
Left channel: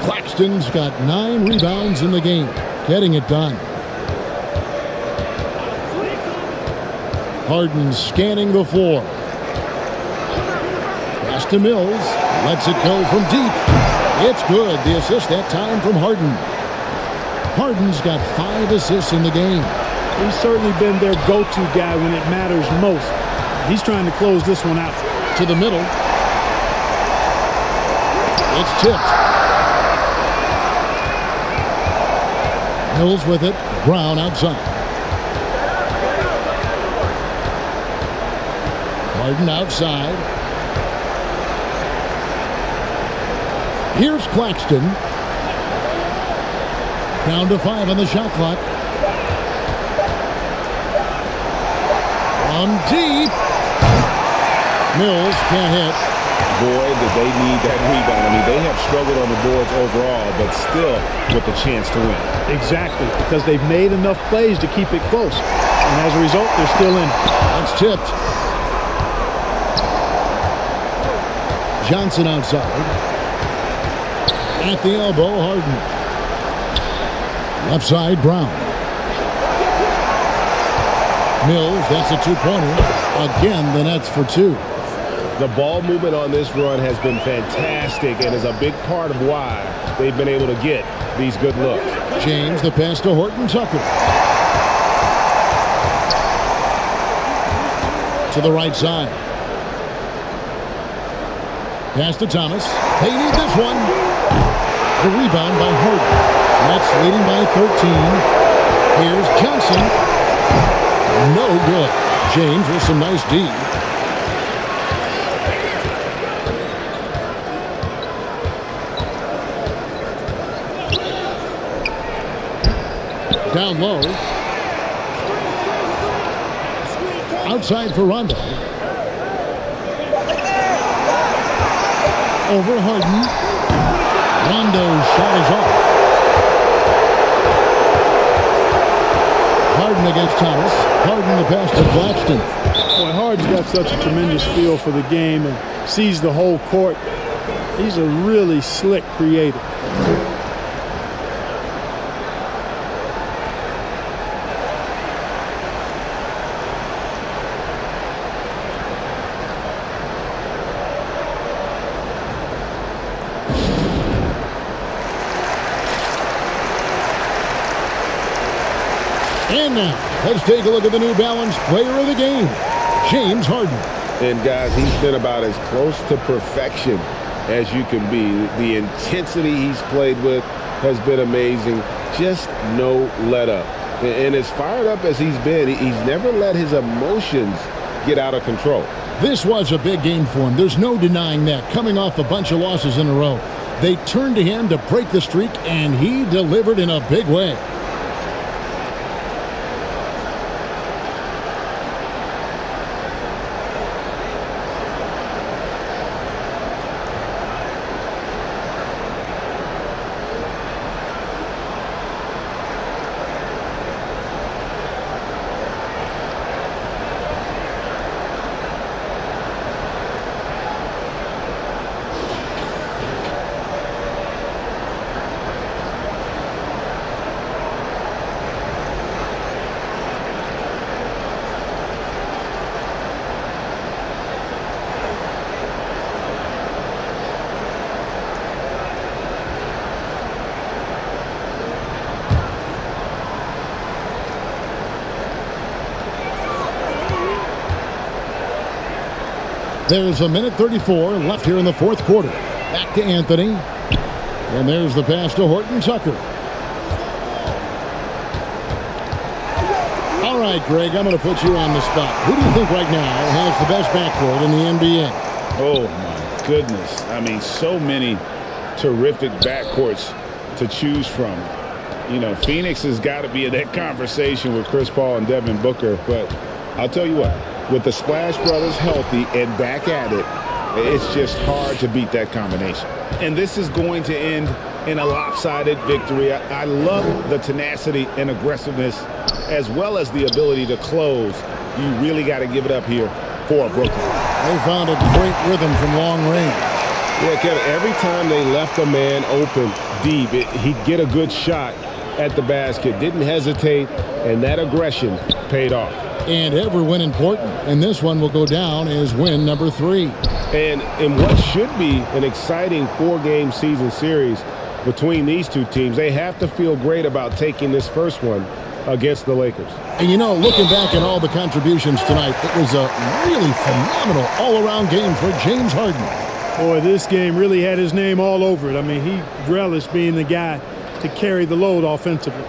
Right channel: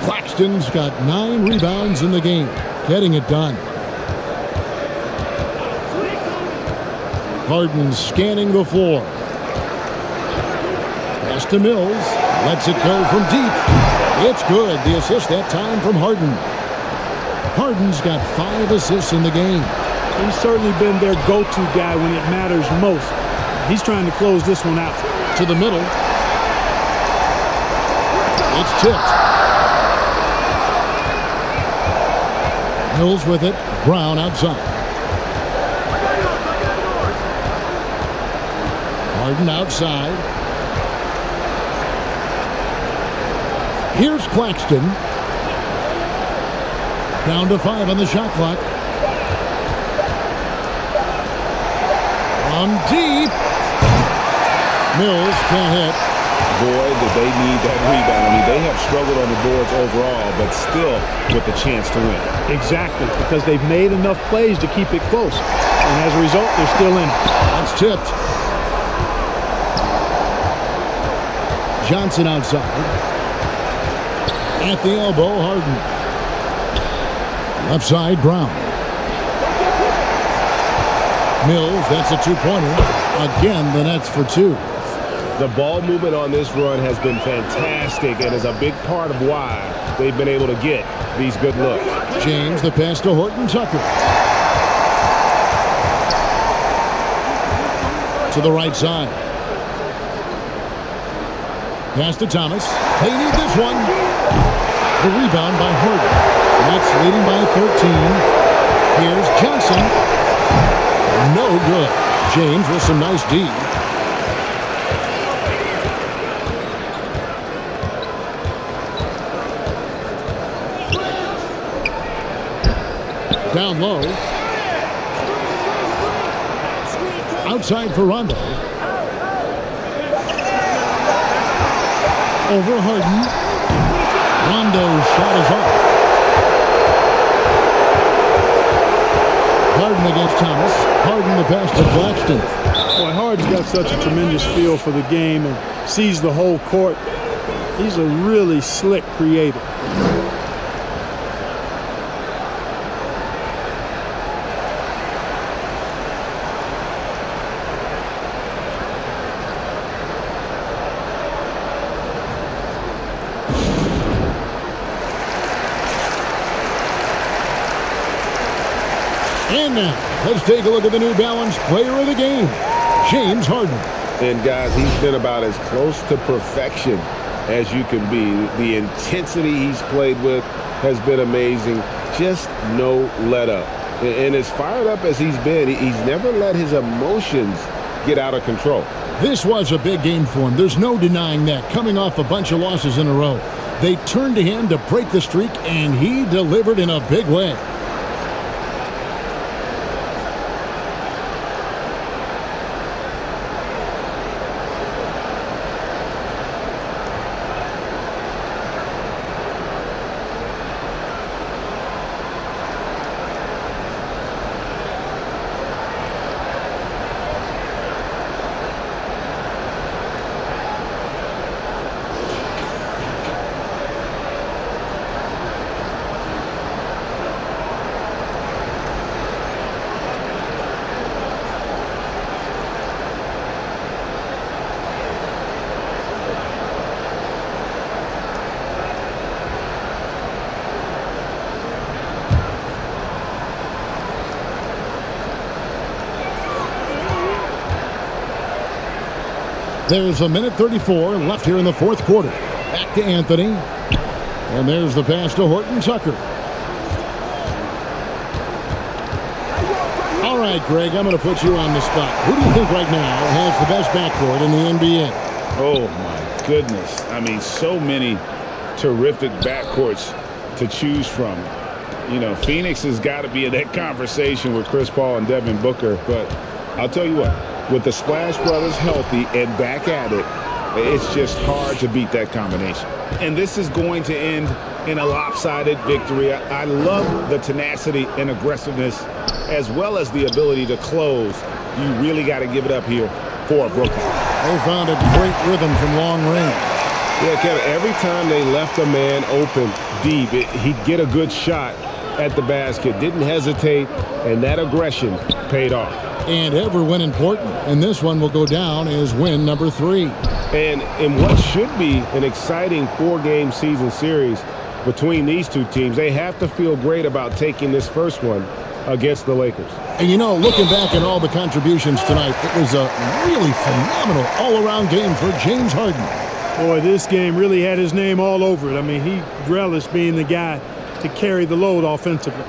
Claxton's got 9 rebounds in the game. Getting it done. Harden scanning the floor. Pass to Mills. Lets it go from deep. It's good. The assist that time from Harden. Harden's got 5 assists in the game. He's certainly been their go-to guy when it matters most. He's trying to close this one out. To the middle. It's tipped. Mills with it. Brown outside. Harden outside. Here's Claxton. Down to 5 on the shot clock. From deep. Mills can't hit. Boy, did they need that rebound. I mean, they have struggled on the boards overall, but still with a chance to win. Exactly, because they've made enough plays to keep it close. And as a result, they're still in it. That's tipped. Johnson outside. At the elbow, Harden. Left side, Brown. Mills, that's a 2-pointer. Again, the Nets for 2. The ball movement on this run has been fantastic and is a big part of why they've been able to get these good looks. James, the pass to Horton Tucker. To the right side. Pass to Thomas. They need this one. The rebound by Harden. Nets leading by 13. Here's Johnson. No good. James with some nice D. Down low. Outside for Rondo. Over Harden. Rondo's shot is off. Harden against Thomas. Harden the pass to Claxton. Boy, Harden's got such a tremendous feel for the game and sees the whole court. He's a really slick creator. And now, let's take a look at the New Balance player of the game, James Harden. And guys, he's been about as close to perfection as you can be. The intensity he's played with has been amazing. Just no let up. And as fired up as he's been, he's never let his emotions get out of control. This was a big game for him. There's no denying that. Coming off a bunch of losses in a row, they turned to him to break the streak, and he delivered in a big way. There's a minute 34 left here in the fourth quarter. Back to Anthony. And there's the pass to Horton Tucker. All right, Greg, I'm going to put you on the spot. Who do you think right now has the best backcourt in the NBA? Oh, my goodness. I mean, so many terrific backcourts to choose from. You know, Phoenix has got to be in that conversation with Chris Paul and Devin Booker. But I'll tell you what, with the Splash Brothers healthy and back at it, it's just hard to beat that combination. And this is going to end in a lopsided victory. I love the tenacity and aggressiveness as well as the ability to close. You really got to give it up here for Brooklyn. They found a great rhythm from long range. Yeah, Kevin, every time they left a man open deep, he'd get a good shot at the basket. Didn't hesitate, and that aggression paid off. And every win important. And this one will go down as win number 3. And in what should be an exciting 4-game season series between these two teams, they have to feel great about taking this first one against the Lakers. And you know, looking back at all the contributions tonight, it was a really phenomenal all-around game for James Harden. Boy, this game really had his name all over it. I mean, he relished being the guy to carry the load offensively.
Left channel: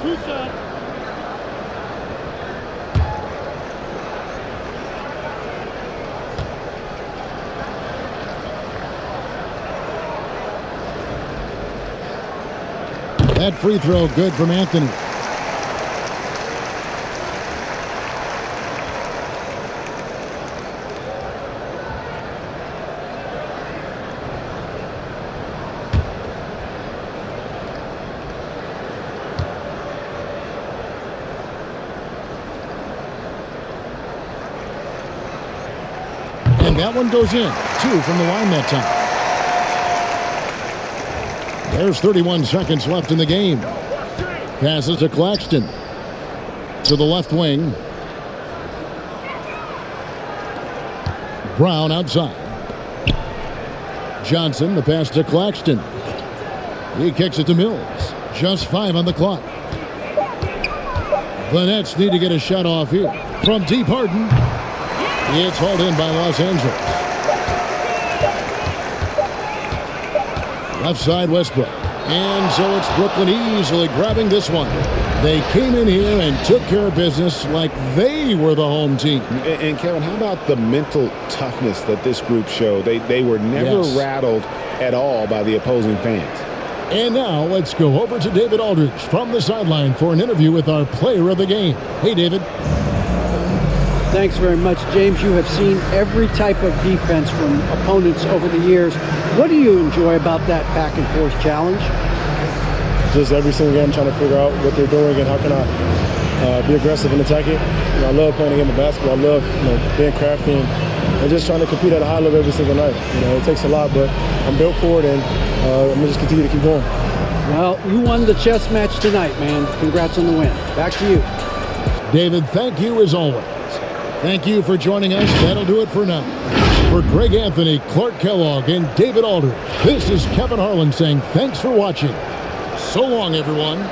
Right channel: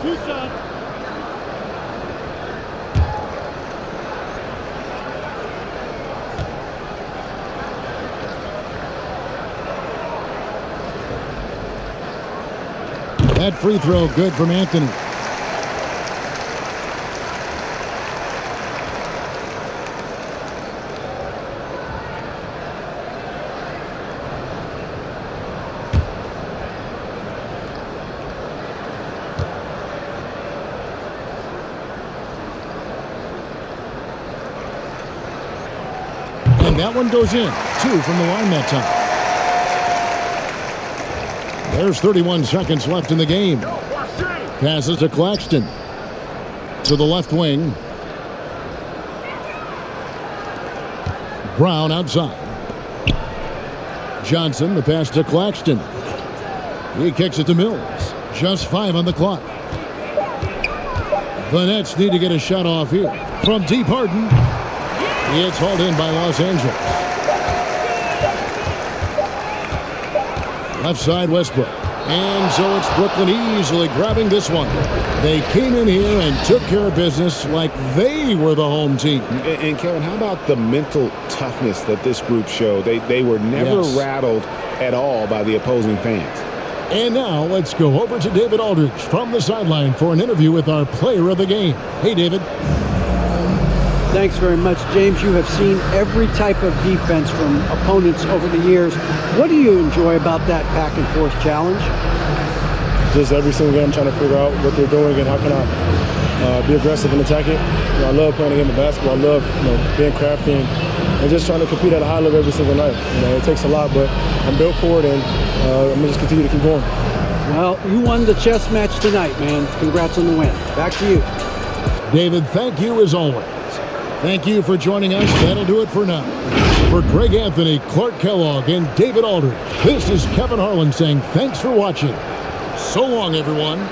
Two shots. That free throw good from Anthony. And that one goes in. 2 from the line that time. There's 31 seconds left in the game. Passes to Claxton. To the left wing. Brown outside. Johnson, the pass to Claxton. He kicks it to Mills. Just 5 on the clock. The Nets need to get a shot off here. From deep, Harden. It's hauled in by Los Angeles. Left side, Westbrook. And so it's Brooklyn easily grabbing this one. They came in here and took care of business like they were the home team. And Kevin, how about the mental toughness that this group showed? They were never rattled at all by the opposing fans. And now let's go over to David Aldridge from the sideline for an interview with our player of the game. Hey, David. Thanks very much, James. You have seen every type of defense from opponents over the years. What do you enjoy about that back-and-forth challenge? Just every single game, I'm trying to figure out what they're doing and how can I be aggressive and attack it. You know, I love playing a game of basketball. I love, being crafty and just trying to compete at a high level every single night. You know, it takes a lot, but I'm built for it, and I'm going to just continue to keep going. Well, you won the chess match tonight, man. Congrats on the win. Back to you. David, thank you as always. Thank you for joining us. That'll do it for now. For Greg Anthony, Clark Kellogg, and David Aldridge, this is Kevin Harlan saying thanks for watching. So long, everyone.